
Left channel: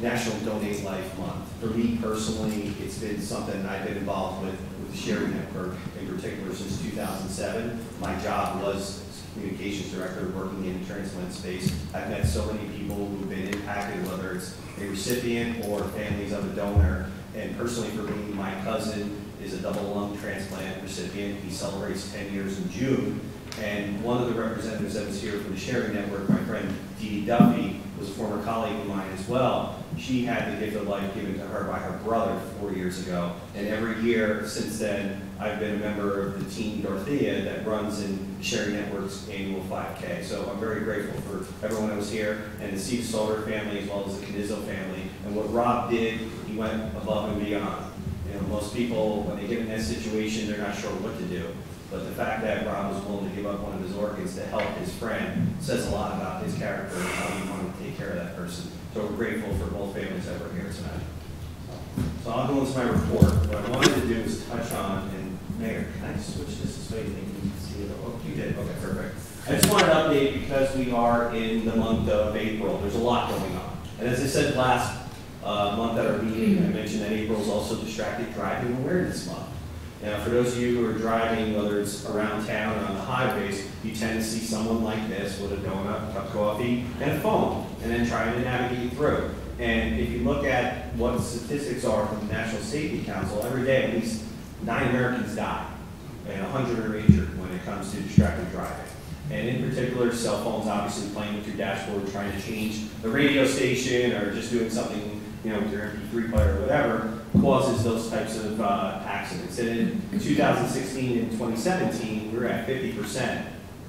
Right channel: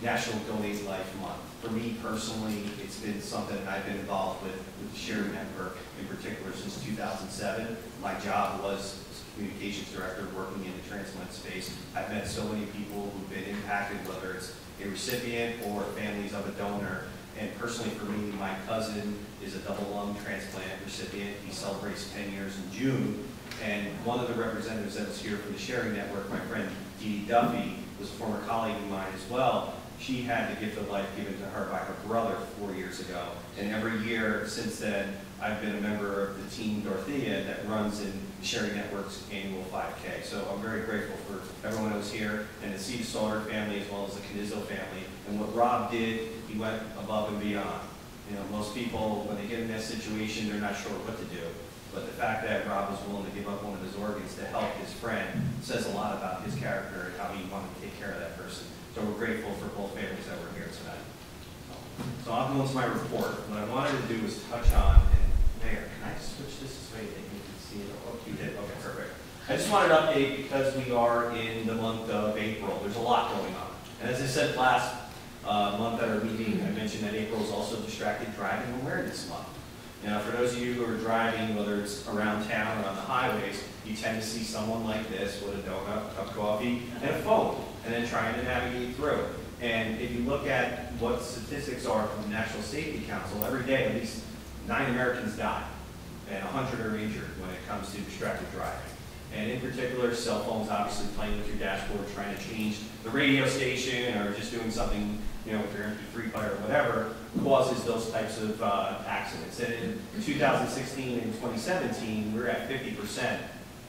National Donate Life Month. For me personally, it's been something I've been involved with the Sharing Network in particular since 2007. My job was communications director working in the transplant space. I've met so many people who've been impacted, whether it's a recipient or families of a donor. And personally for me, my cousin is a double lung transplant recipient. He celebrates 10 years in June. And one of the representatives that was here from the Sharing Network, my friend Dee Duffy, was a former colleague of mine as well. She had the gift of life given to her by her brother 4 years ago. And every year since then, I've been a member of the Team Dorothea that runs in the Sharing Network's annual 5K. So I'm very grateful for everyone that was here and the Steve Solar family as well as the Canizzo family. And what Rob did, he went above and beyond. Most people, when they get in that situation, they're not sure what to do. But the fact that Rob was willing to give up one of his organs to help his friend says a lot about his character and how he wanted to take care of that person. So we're grateful for both families that were here tonight. So I'll go into my report. What I wanted to do was touch on, and Mayor, can I switch this way? You can see it. Oh, you did. Okay, perfect. I just wanted to update because we are in the month of April. There's a lot going on. And as I said last month at our meeting, I mentioned that April is also Distracted Driving Awareness Month. Now, for those of you who are driving, whether it's around town or on the highways, you tend to see someone like this with a donut, cup of coffee, and a phone, and then trying to navigate through. And if you look at what the statistics are from the National Safety Council, every day at least 9 Americans die and 100 are injured when it comes to distracted driving. And in particular, cell phones obviously playing with your dashboard, trying to change the radio station or just doing something, you know, with your MP3 player or whatever, causes those types of accidents. And in 2016 and 2017, we're at 50%.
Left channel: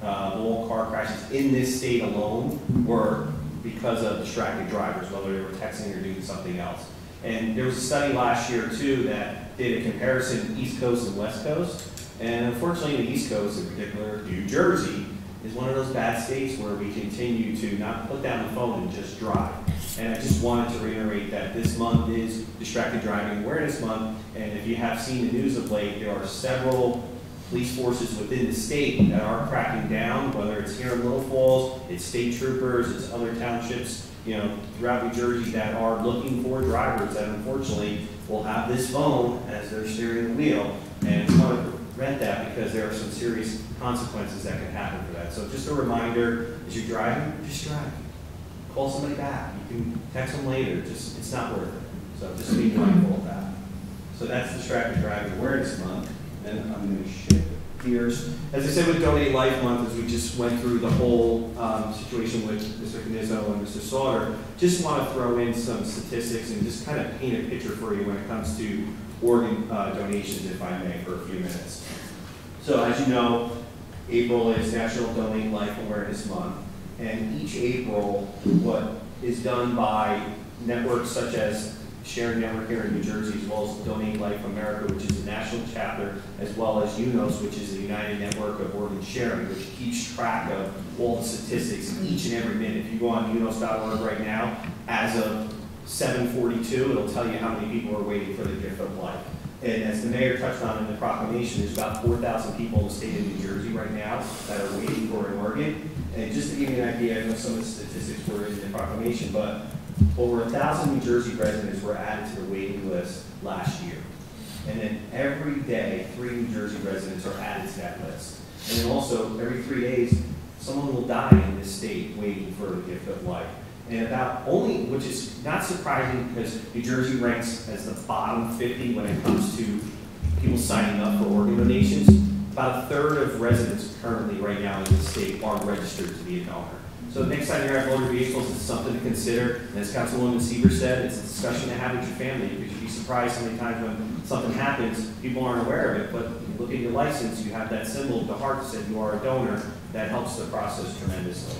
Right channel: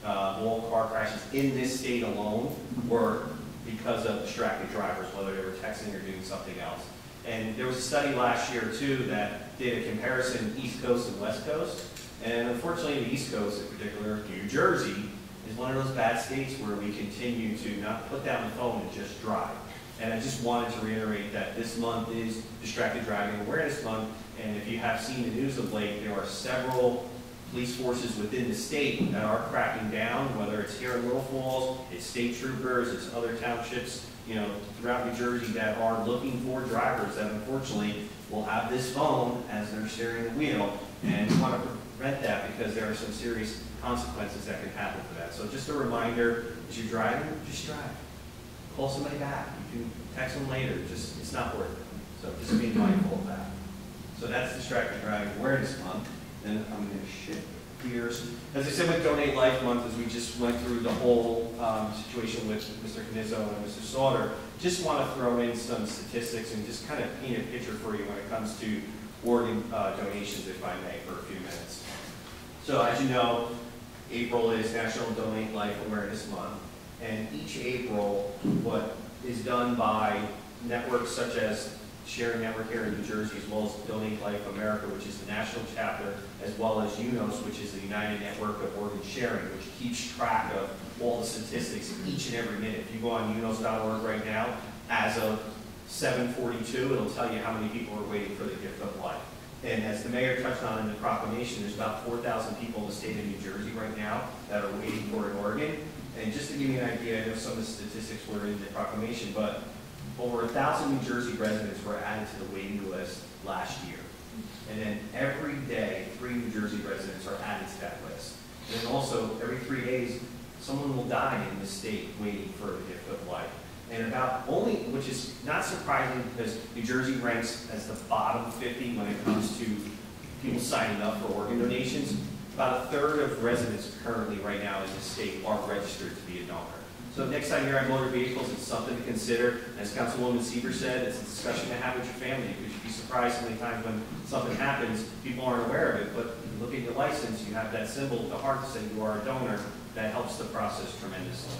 All car crashes in this state alone were because of distracted drivers, whether they were texting or doing something else. And there was a study last year, too, that did a comparison East Coast and West Coast. And unfortunately, the East Coast, in particular, New Jersey, is one of those bad states where we continue to not put down the phone and just drive. And I just wanted to reiterate that this month is Distracted Driving Awareness Month, and if you have seen the news of late, there are several police forces within the state that are cracking down, whether it's here in Little Falls, it's state troopers, it's other townships, you know, throughout New Jersey that are looking for drivers that unfortunately will have this phone as they're steering the wheel, and we want to prevent that because there are some serious consequences that can happen for that. So just a reminder, as you're driving, just drive. Call somebody back. You can text them later. Just, it's not worth it. So just be mindful of that. So that's Distracted Driving Awareness Month. Then I'm going to shift gears. As I said with Donate Life Month, as we just went through the whole situation with Mr. Canizzo and Mr. Sauter, just want to throw in some statistics and just kind of paint a picture for you when it comes to organ donations, if I may, for a few minutes. So as you know, April is National Donate Life Awareness Month. And each April, what is done by networks such as Sharing Network here in New Jersey, as well as Donate Life America, which is a national chapter, as well as UNOS, which is the United Network of Organ Sharing, which keeps track of all the statistics each and every minute. If you go on UNOS.org right now, as of 7:42, it'll tell you how many people are waiting for the gift of life. And as the mayor touched on in the proclamation, there's about 4,000 people in the state of New Jersey right now that are waiting for an organ. And just to give you an idea, I know some of the statistics were in the proclamation, but over 1,000 New Jersey residents were added to the waiting list last year. And then every day, 3 New Jersey residents are added to that list. And then also, every 3 days, someone will die in this state waiting for the gift of life. And about only, which is not surprising because New Jersey ranks as the bottom 50 when it comes to people signing up for organ donations. About a third of residents currently right now in the state are registered to be a donor. So next time you're at motor vehicles, it's something to consider. And as Councilwoman Sieber said, it's a discussion to have with your family because you'd be surprised how many times when something happens, people aren't aware of it. But you look at your license, you have that symbol of the heart that says you are a donor. That helps the process tremendously.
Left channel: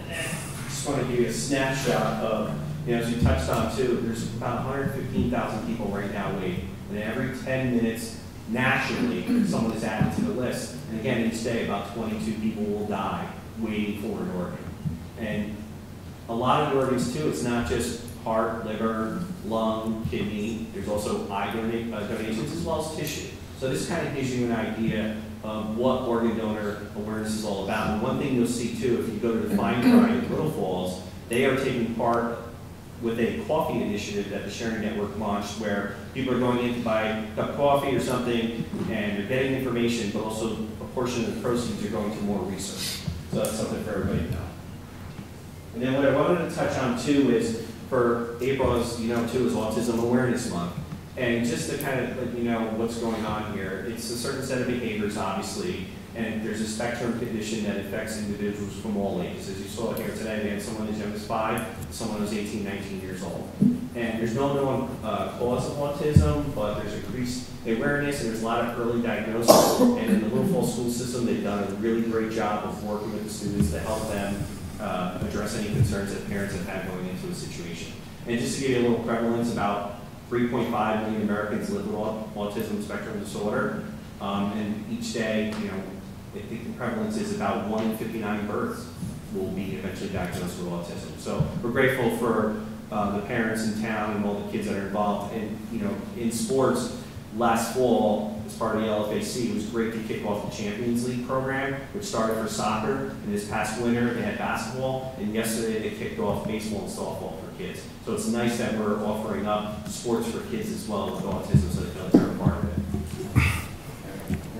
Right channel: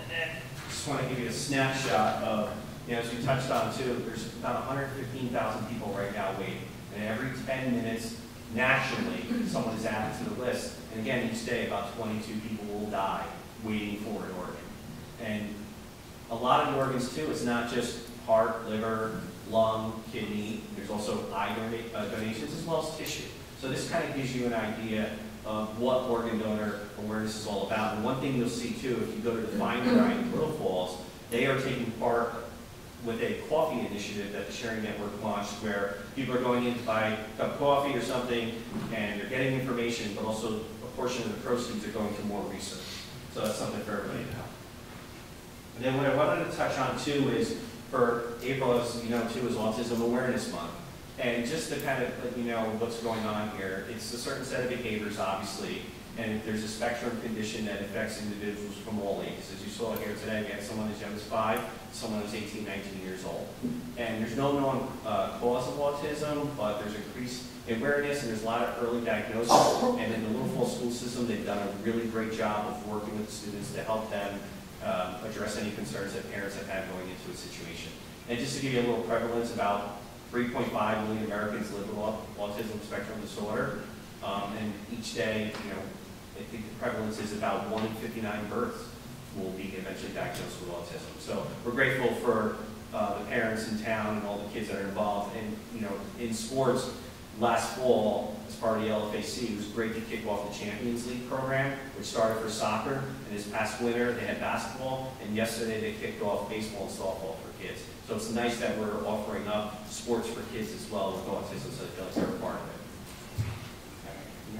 And then I just want to give you a snapshot of, you know, as we touched on too, there's about 115,000 people right now waiting. And every 10 minutes, nationally, someone is added to the list. And again, each day, about 22 people will die waiting for an organ. And a lot of organs, too, it's not just heart, liver, lung, kidney. There's also eye donations as well as tissue. So this kind of gives you an idea of what organ donor awareness is all about. And one thing you'll see, too, if you go to the Fine Grind in Little Falls, they are taking part with a coffee initiative that the Sharing Network launched where people are going in to buy a cup of coffee or something and they're getting information, but also a portion of the proceeds are going to more research. So that's something for everybody to know. And then what I wanted to touch on too is for April, as you know too, is Autism Awareness Month. And just to kind of let you know what's going on here, it's a certain set of behaviors obviously, and there's a spectrum condition that affects individuals from all ages. As you saw here today, we had someone as young as 5, someone who's 18, 19 years old. And there's no known cause of autism, but there's increased awareness and there's a lot of early diagnosis. And in the Little Falls school system, they've done a really great job of working with the students to help them address any concerns that parents have had going into a situation. And just to give you a little prevalence, about 3.5 million Americans live with autism spectrum disorder. And each day, you know, I think the prevalence is about 1 in 59 births will be eventually diagnosed with autism. So we're grateful for the parents in town and all the kids that are involved. And, you know, in sports, last fall, as part of the LFAC, it was great to kick off the Champions League program, which started for soccer. And this past winter, they had basketball. And yesterday, they kicked off baseball and softball for kids. So it's nice that we're offering up sports for kids as well with autism so they feel like they're a part of it.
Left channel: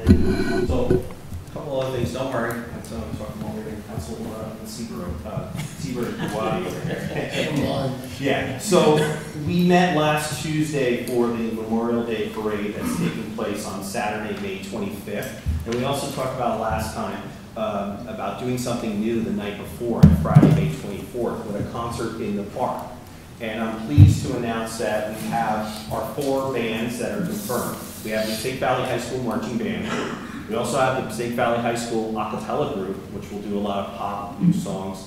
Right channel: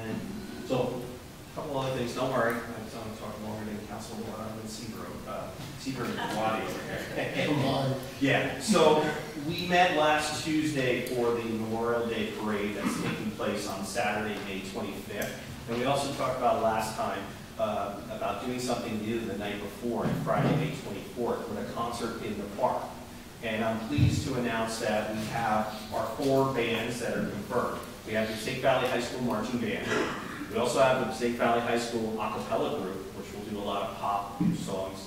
And so, a couple other things, don't worry, I'm talking longer than Councilman Seaver and Kawadi over here. Come on. Yeah, so we met last Tuesday for the Memorial Day Parade that's taking place on Saturday, May 25th. And we also talked about last time about doing something new the night before, on Friday, May 24th, with a concert in the park. And I'm pleased to announce that we have our 4 bands that are confirmed. We have the Passaic Valley High School Marching Band. We also have the Passaic Valley High School a cappella group, which will do a lot of pop songs.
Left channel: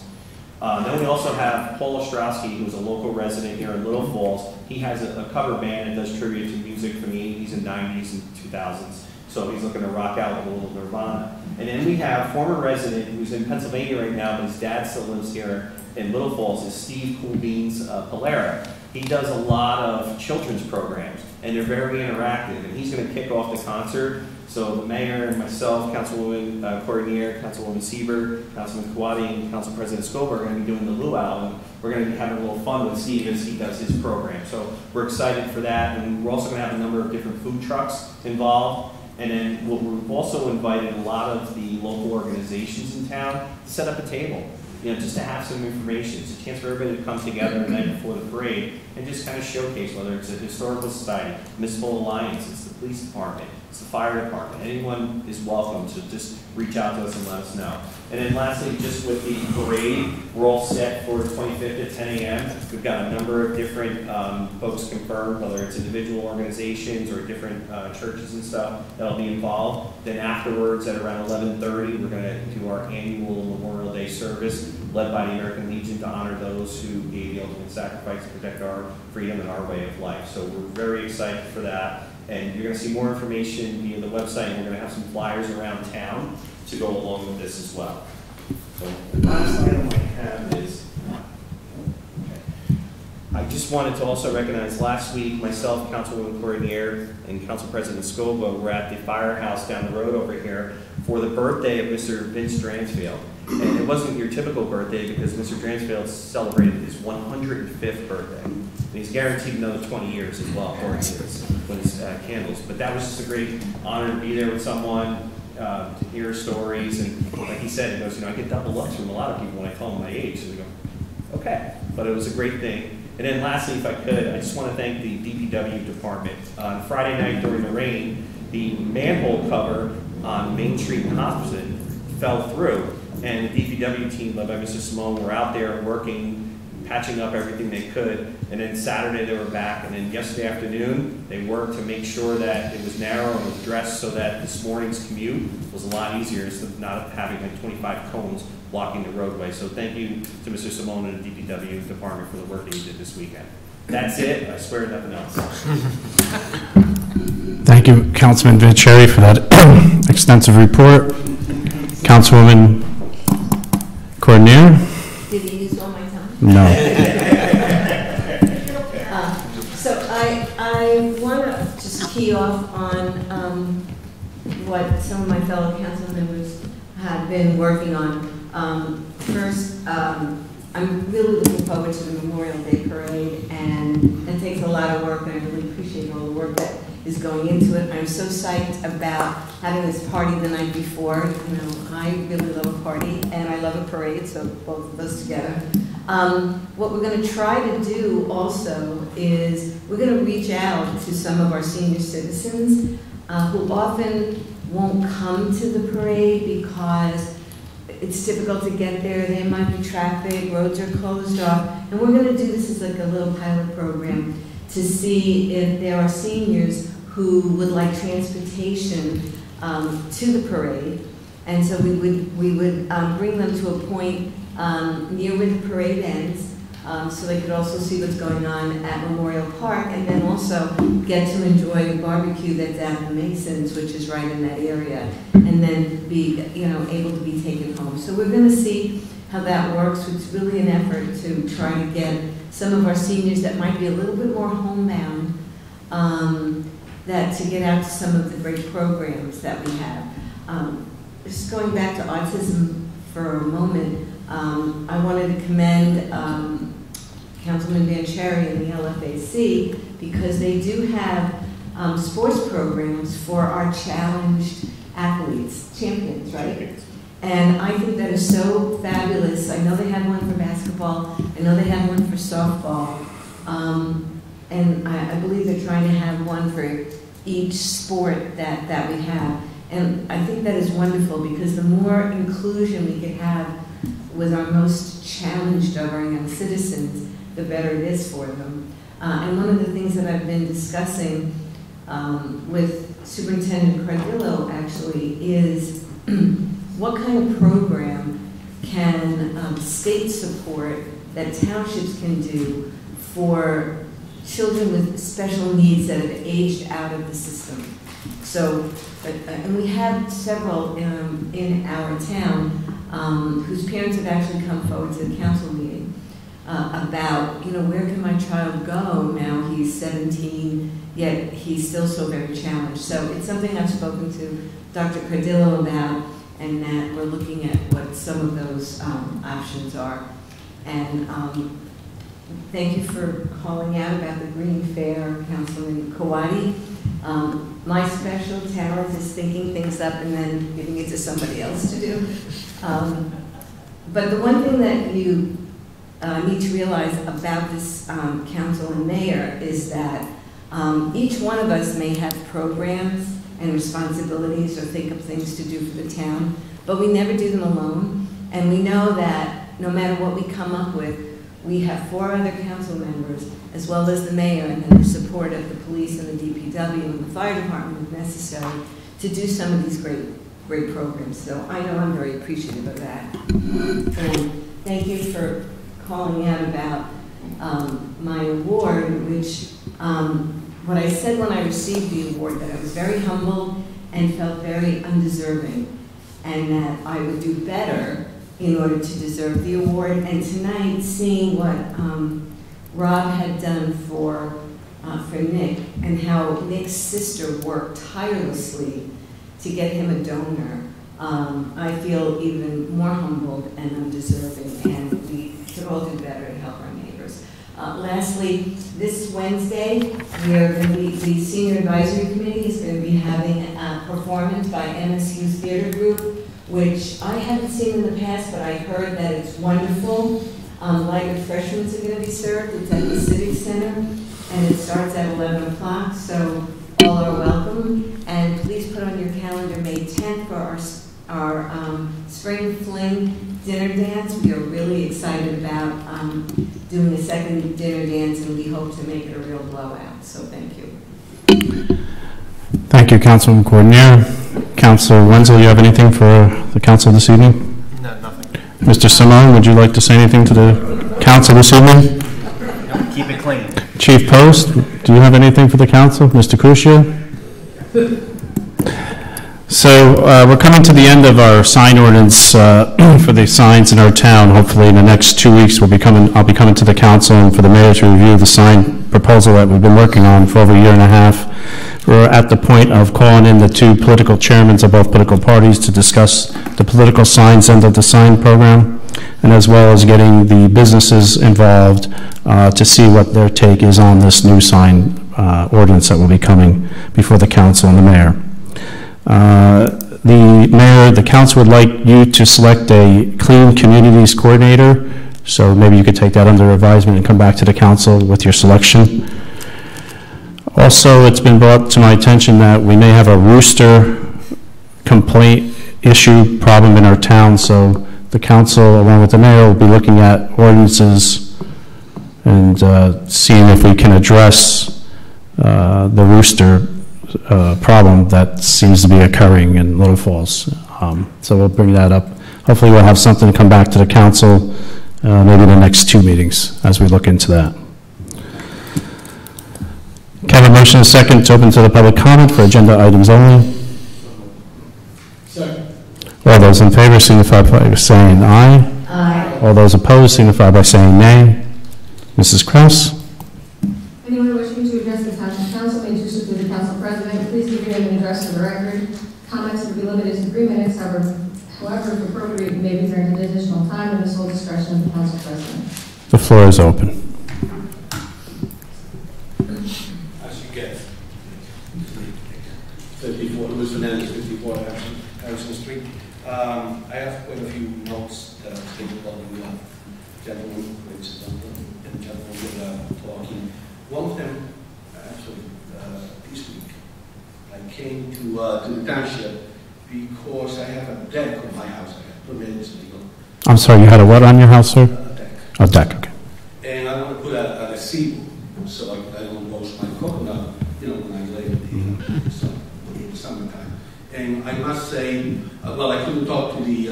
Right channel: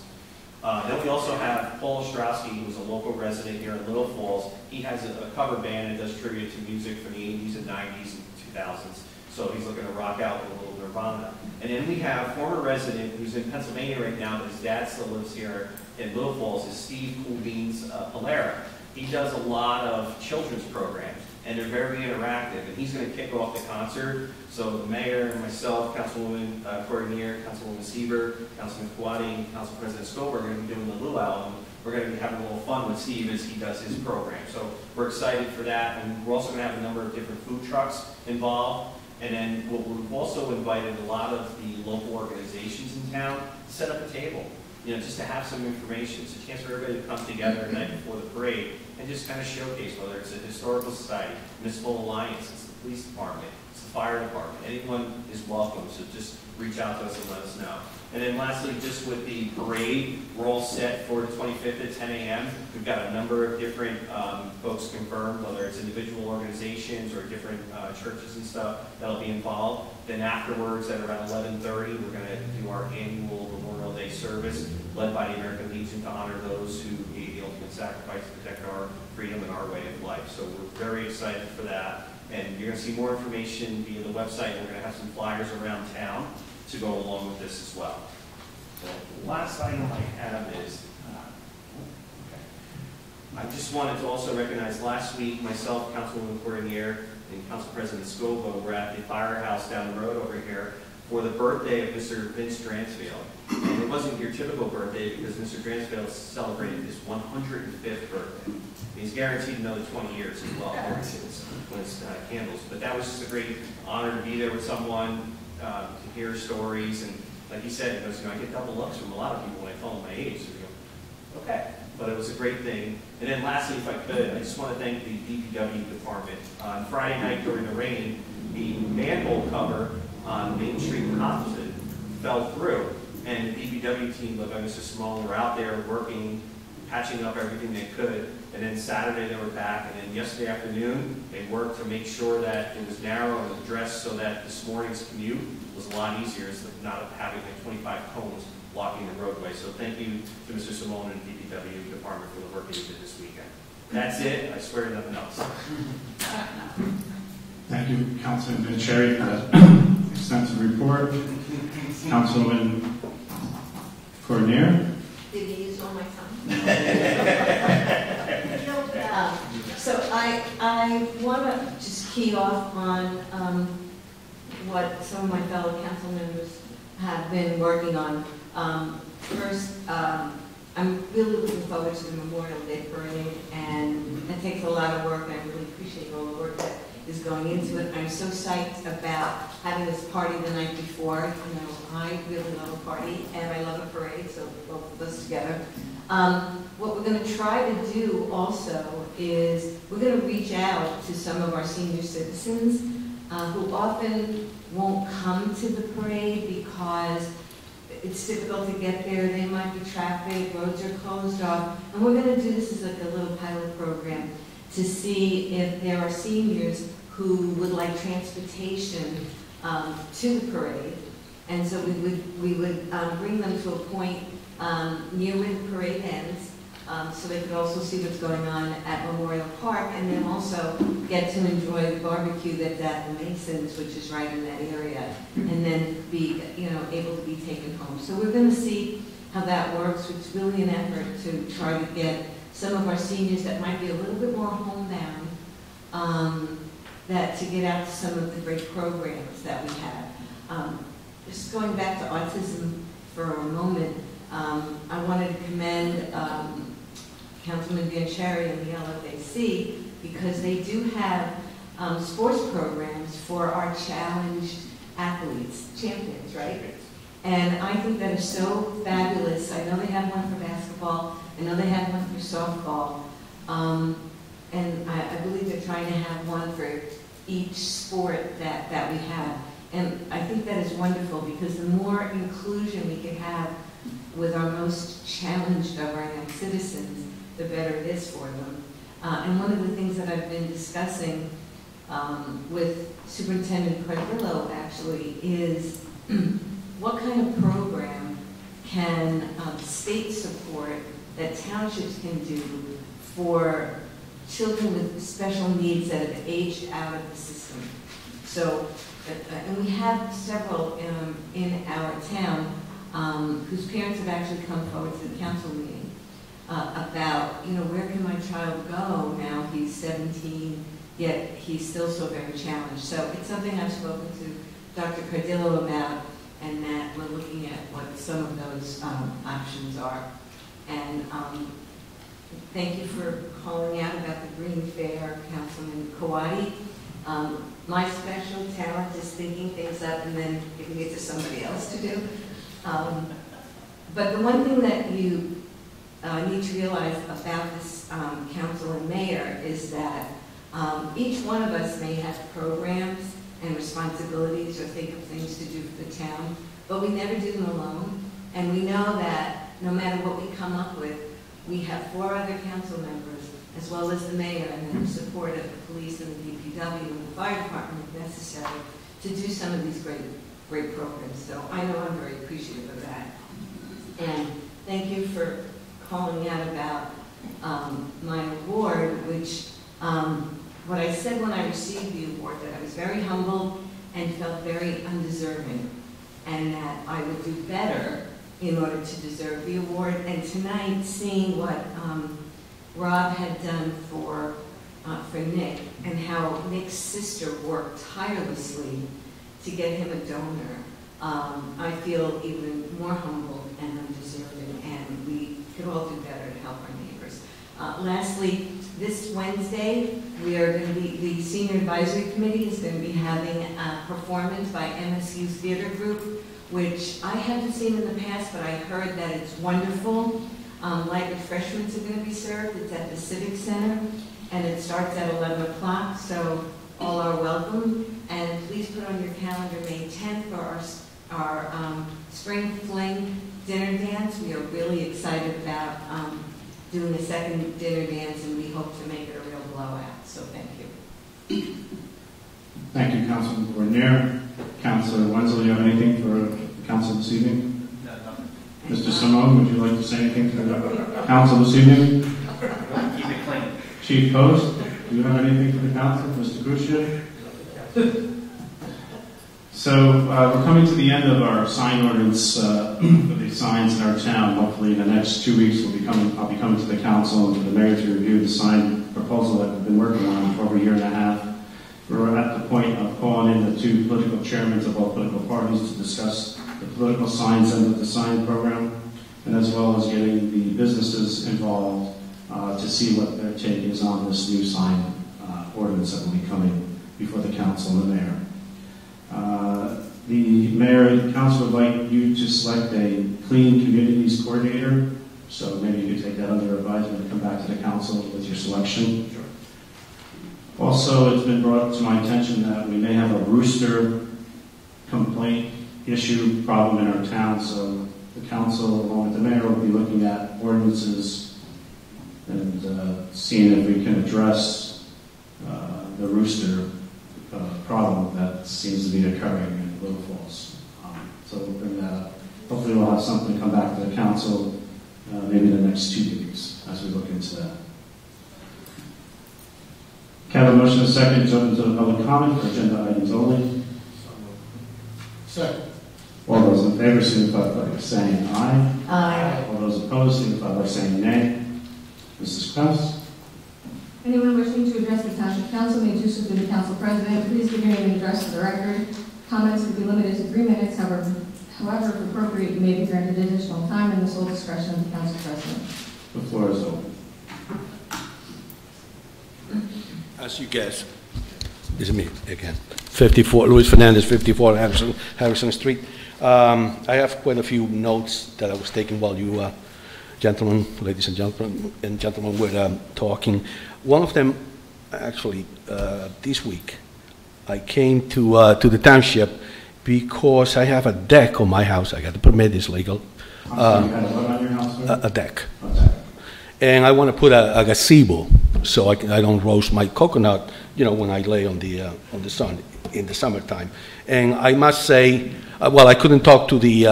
Then we also have Paul Ostrowski, who's a local resident here in Little Falls. He has a cover band that does tribute to music from the 80s and 90s and 2000s. So he's looking to rock out with a little Nirvana. And then we have former resident who's in Pennsylvania right now, and his dad still lives here in Little Falls, is Steve Cool Beans Polera. He does a lot of children's programs, and they're very interactive. And he's going to kick off the concert. So the mayor and myself, Councilwoman Coordinator, Councilwoman Seaver, Councilman Kawadi, and Council President Scoba are going to be doing the luau. We're going to be having a little fun with Steve as he does his program. So we're excited for that. And we're also going to have a number of different food trucks involved. And then we've also invited a lot of the local organizations in town to set up a table, just to have some information. It's a chance for everybody to come together the night before the parade and just kind of showcase, whether it's a historical society, municipal alliance, it's the police department, it's the fire department. Anyone is welcome, so just reach out to us and let us know. And then lastly, just with the parade, we're all set for 25th at 10 a.m. We've got a number of different folks confirmed, whether it's individual organizations or different churches and stuff that'll be involved. Then afterwards, at around 11:30, we're going to do our annual Memorial Day service led by the American Legion to honor those who gave the ultimate sacrifice to protect our freedom and our way of life. So we're very excited for that. And you're going to see more information via the website. And we're going to have some flyers around town to go along with this as well. So the last item I have is, I just wanted to also recognize last week, myself, Councilwoman Coordinator, and Council President Scoba were at the firehouse down the road over here for the birthday of Mr. Vince Dransfield. And it wasn't your typical birthday because Mr. Dransfield celebrated his 105th birthday. And he's guaranteed another 20 years as well, according to his candles. But that was just a great honor to be there with someone, to hear stories. And like he said, he goes, I get double looks from a lot of people when I tell them my age. So we go, okay. But it was a great thing. And then lastly, if I could, I just want to thank the DPW department. On Friday night during the rain, the manhole cover on Main Street in Hobson fell through. And the DPW team led by Mr. Simone were out there working, patching up everything they could. And then Saturday they were back. And then yesterday afternoon, they worked to make sure that it was narrow and addressed so that this morning's commute was a lot easier instead of not having like 25 cones blocking the roadway. So thank you to Mr. Simone and the DPW department for the work that you did this weekend. That's it. I swear nothing else. Thank you, Councilman Vincherry, for that extensive report. Councilwoman Coordinator? Did he use all my time? No. So I want to just key off on what some of my fellow council members have been working on. First, I'm really looking forward to the Memorial Day Parade, and it takes a lot of work, and I really appreciate all the work that is going into it. I'm so psyched about having this party the night before. I really love a party, and I love a parade, so both of us together. What we're going to try to do also is we're going to reach out to some of our senior citizens who often won't come to the parade because it's difficult to get there, there might be traffic, roads are closed off, and we're going to do this as like a little pilot program to see if there are seniors who would like transportation to the parade. And so we would bring them to a point near where the parade ends, so they could also see what's going on at Memorial Park, and then also get to enjoy the barbecue that's at the Masons, which is right in that area, and then be able to be taken home. So we're going to see how that works. It's really an effort to try to get some of our seniors that might be a little bit more homebound, that to get out to some of the great programs that we have. Just going back to autism for a moment, I wanted to commend Councilman Vancherry and the LFAC because they do have sports programs for our challenged athletes, champions, right? And I think that is so fabulous. I know they have one for basketball. I know they have one for softball. And I believe they're trying to have one for each sport that we have. And I think that is wonderful because the more inclusion we can have with our most challenged of our young citizens, the better it is for them. And one of the things that I've been discussing with Superintendent Cardillo actually is what kind of program can state support that townships can do for children with special needs that have aged out of the system. So, and we have several in our town whose parents have actually come forward to the council meeting about, where can my child go now he's 17, yet he's still so very challenged. So it's something I've spoken to Dr. Cardillo about, and that we're looking at what some of those options are. And thank you for calling out about the Green Fair, Councilman Kawadi. My special talent is thinking things up and then giving it to somebody else to do. But the one thing that you need to realize about this council and mayor is that each one of us may have programs and responsibilities or think of things to do for the town, but we never do them alone. And we know that no matter what we come up with, we have 4 other council members, as well as the mayor, and then the support of the police and the DPW and the fire department if necessary, to do some of these great programs. So I know I'm very appreciative of that. And thank you for calling out about my award, which what I said when I received the award, that I was very humbled and felt very undeserving, and that I would do better in order to deserve the award. And tonight, seeing what Rob had done for Nick, and how Nick's sister worked tirelessly to get him a donor, I feel even more humbled and undeserving, and we could all do better to help our neighbors. Lastly, this Wednesday, we are going to be, the Senior Advisory Committee is going to be having a performance by MSU's Theater Group, which I haven't seen in the past, but I heard that it's wonderful. Light refreshments are going to be served. It's at the Civic Center, and it starts at 11 o'clock, so all are welcome. And please put on your calendar May 10th for our Spring Fling dinner dance. We are really excited about doing a second dinner dance, and we hope to make it a real blowout. So thank you. Thank you, Councilman Coordinator. Councilor Wenzel, you have anything for the council this evening? No, nothing. Mr. Simone, would you like to say anything to the council this evening? Keep it clean. Chief Post, do you have anything for the council? Mr. Crucia? So we're coming to the end of our sign ordinance for the signs in our town. Hopefully in the next 2 weeks I'll be coming to the council and for the mayor to review the sign proposal that we've been working on for over a year and a half. We're at the point of calling in the 2 political chairmen of both political parties to discuss the political signs end of the sign program, and as well as getting the businesses involved to see what their take is on this new sign ordinance that will be coming before the council and the mayor. The council would like you to select a Clean Communities coordinator, so maybe you could take that under advisement and come back to the council with your selection. Also, it's been brought to my attention that we may have a rooster complaint issue problem in our town, so the council, along with the mayor, will be looking at ordinances and seeing if we can address the rooster problem that seems to be occurring in Little Falls. So we'll bring that up. Hopefully we'll have something to come back to the council maybe the next 2 meetings as we look into that. Can I have a motion and a second to open to the public comment for agenda items only? Second. All those in favor signify by saying aye. Aye. All those opposed signify by saying nay. Mrs. Krause? Anyone wishing to address the Township Council may do so through the Council President. Please give your name and address for the record. Comments will be limited to 3 minutes. However, if appropriate, you may be granted additional time in the sole discretion of the Council President. The floor is open. As you guess, it's me again. 54, Luis Fernandez, 54 Harrison Street. I have quite a few notes that I was taking while you gentlemen, ladies and gentlemen were talking. One of them, actually, this week, I came to the township because I have a deck on my house. I got the permit, it's legal. I'm sorry, you had a what on your house, sir? A deck. A deck, okay. And I want to put a gazebo so I don't roast my coconut, you know, when I lay on the sun in the summertime. And I must say, well, I couldn't talk to the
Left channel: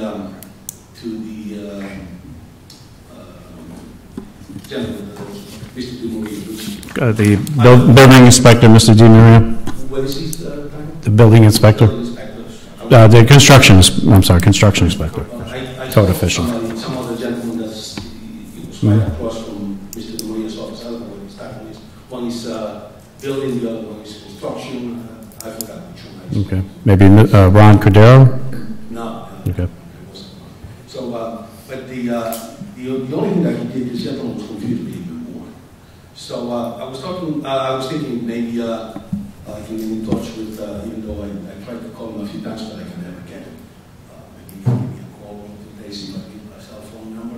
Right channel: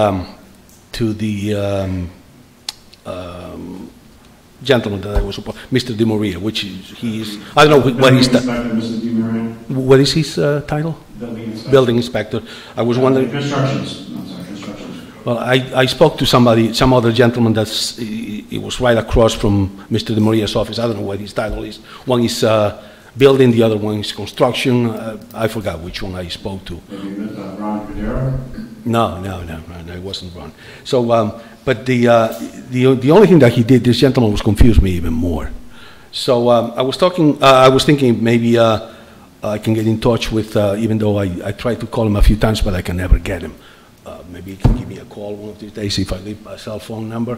gentleman that I was supposed, Mr. Di Maria, which the building inspector, Mr. Di Maria. What is his title? The building inspector. Building inspector. The construction. I'm sorry, construction inspector. Well, I spoke to some other gentleman that's. It was right across from Mr. Di Maria's office. I don't know what his title is. One is building, the other one is construction. I forgot which one I spoke to. Maybe Ron Cordero? No, it wasn't Ron. So, but the only thing that he did, this gentleman was confused me even more. So I was thinking maybe I can get in touch with, even though I tried to call him a few times, but I can never get him. Maybe he can give me a call one of these days if I leave my cell phone number.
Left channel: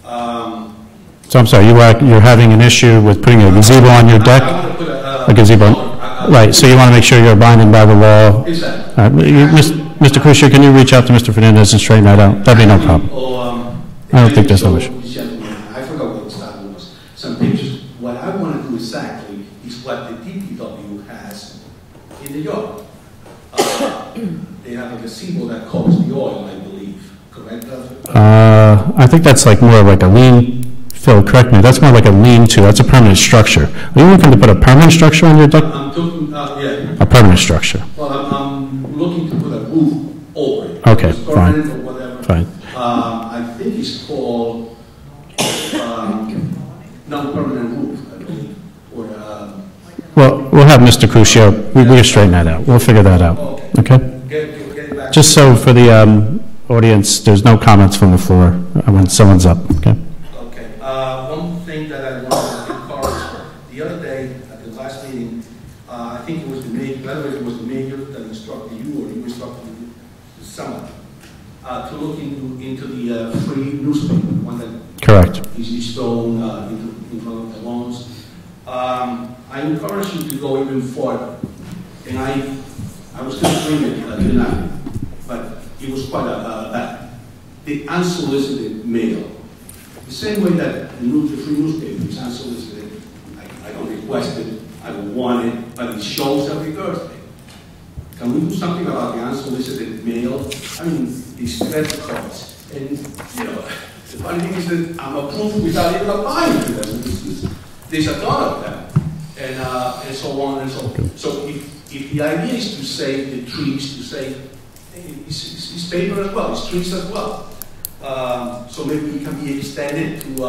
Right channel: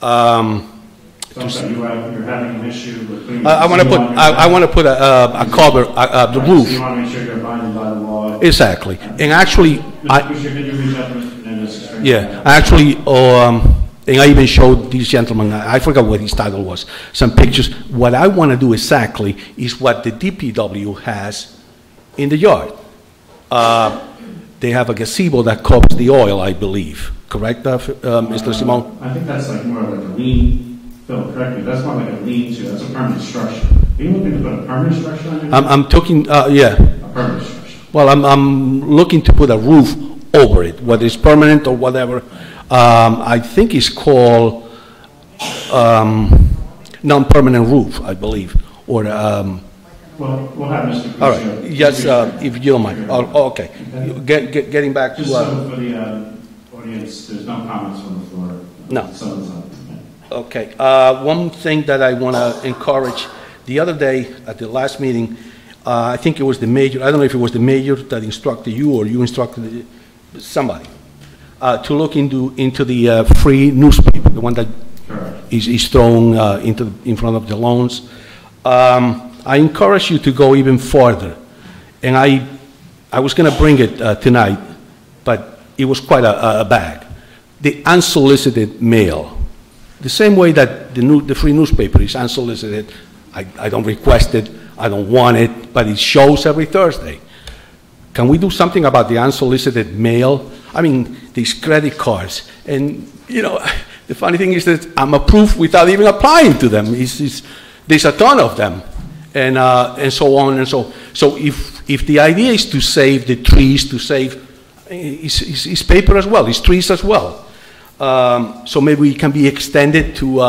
So I'm sorry, you're having an issue with putting a gazebo on your deck? I want to put a cover. Right, so you want to make sure you're abiding by the law. Exactly. And actually, Mr. Crucier, can you reach out to Mr. Fernandez and straighten that out? Actually, I even showed these gentlemen, I forgot what his title was, some pictures. What I want to do exactly is what the DPW has in the yard. They have a gazebo that covers the oil, I believe. Correct, Mr. Simone? I think that's like more like a Phil, correct me, that's more like a lean-to, that's a permanent structure. Are you looking to put a permanent structure on your deck? I'm talking, yeah. A permanent structure. Well, I'm looking to put a roof over it, whether it's permanent or whatever. I think it's called non-permanent roof, I believe, or well, we'll have Mr. Crucio, we'll straighten that out. We'll figure that out. Okay. Okay. Getting back just so for the audience, there's no comments from the floor when someone's up, okay? Okay. One thing that I want to encourage, the other day at the last meeting, I think it was the mayor, I don't know if it was the mayor that instructed you or you instructed somebody, to look into the free newspaper, the one that is thrown in front of the lawns. I encourage you to go even further. And I was going to bring it tonight, but it was quite a bag. The unsolicited mail. The same way that the free newspaper is unsolicited, I don't request it, I don't want it, but it shows every Thursday. Can we do something about the unsolicited mail? I mean, these credit cards, and you know, the funny thing is that I'm approved without even applying to them. There's a ton of them, and so on and so. So if the idea is to save the trees, to save, it's paper as well, it's trees as well. So maybe it can be extended to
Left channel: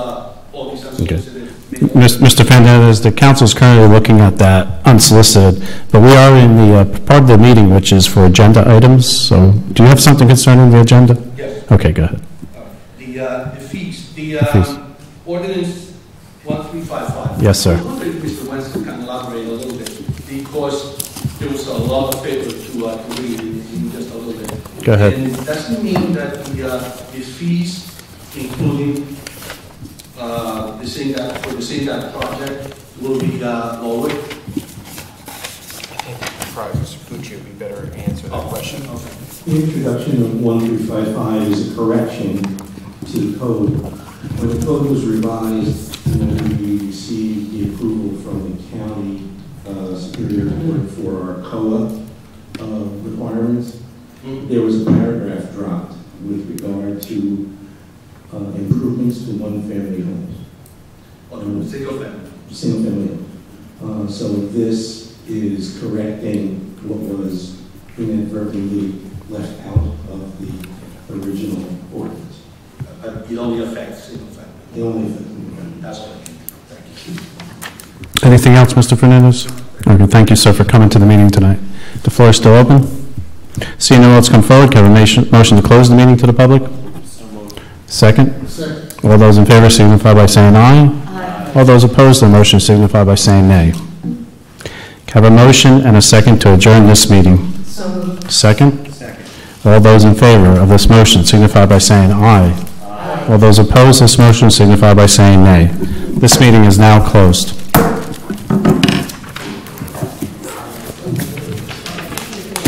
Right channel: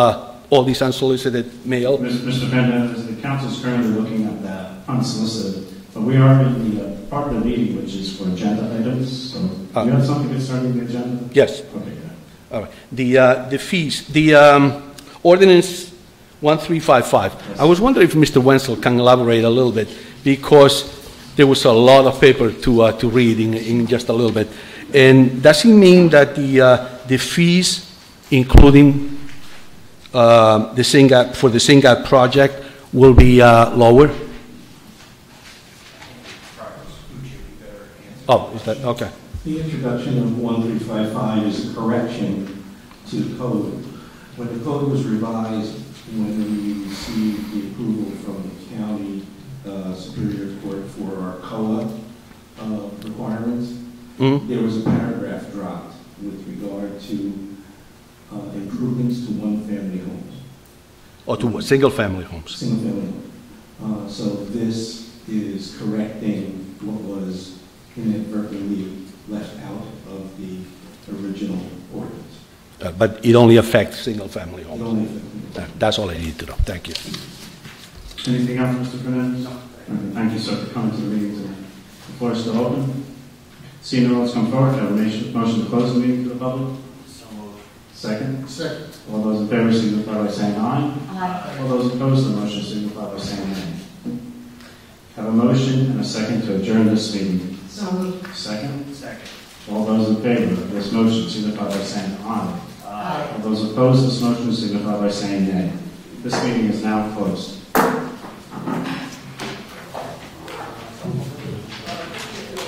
all these unsolicited mail. Mr. Fernandez, the council is currently looking at that unsolicited, but we are in the part of the meeting which is for agenda items. So do you have something concerning the agenda? Yes. Okay, go ahead. All right. The fees, ordinance 1355. Yes, sir. I was wondering if Mr. Wenzel can elaborate a little bit, because there was a lot of paper to read in just a little bit. And does it mean that the fees, including the SINGAP project, will be lowered? I think Mr. Pucci would be better answer that question. Okay. The introduction of 1355 is a correction to the code. When the code was revised, when we received the approval from the county Superior Court for our COA requirements, there was a paragraph dropped with regard to improvements to one-family homes. Or to single-family homes. Single-family homes. So this is correcting what was inadvertently left out of the original ordinance. But it only affects single-family homes. It only affects. That's all I need to know. Thank you. Anything else, Mr. Fernandez? Okay, thank you, sir, for coming to the meeting tonight. The floor is still open. Seeing no one else come forward, can I have a motion to close the meeting to the public? Second? Second. All those in favor signify by saying aye. Aye. All those opposed, the motion signify by saying nay. Have a motion and a second to adjourn this meeting. So moved. Second? Second. All those in favor of this motion signify by saying aye. All those opposed to this motion signify by saying nay. This meeting is now closed.